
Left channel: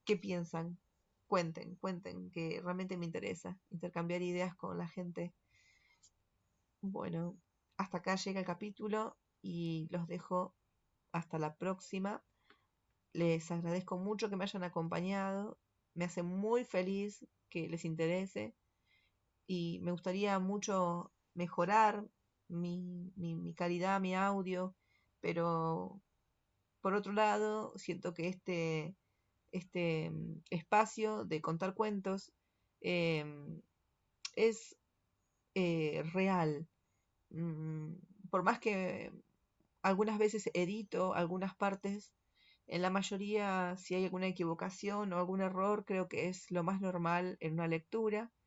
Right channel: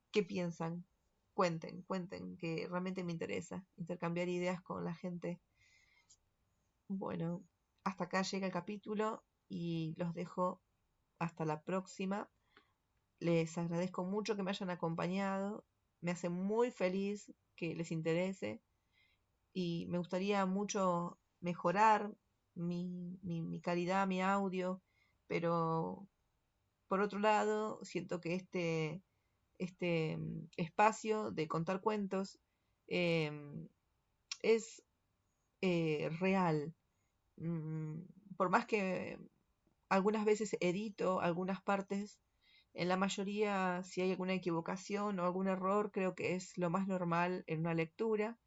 ¿Qué piensan? Cuenten, que realmente me interesa intercambiar ideas con la gente. Bueno, hasta acá llega el capítulo y los dejo hasta la próxima. les agradezco mucho que me hayan acompañado, me hace muy feliz que les interese y me gustaría mucho mejorar mi calidad, mi audio, pero por otro lado, siento que este espacio de contar cuentos es real. Por más que algunas veces edito algunas partes, en la mayoría, si hay alguna equivocación o algún error, creo que es lo más normal en una lectura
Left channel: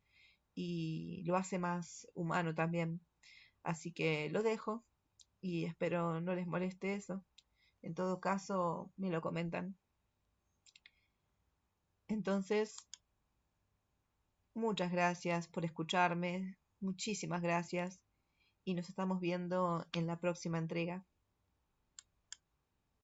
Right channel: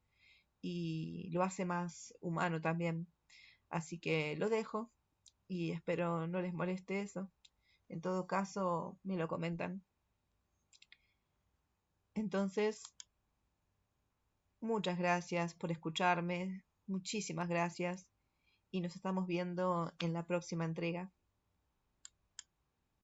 y lo hace más humano también. Así que lo dejo y espero no les moleste eso. En todo caso, me lo comentan. Entonces, muchas gracias por escucharme, muchísimas gracias y nos estamos viendo en la próxima entrega.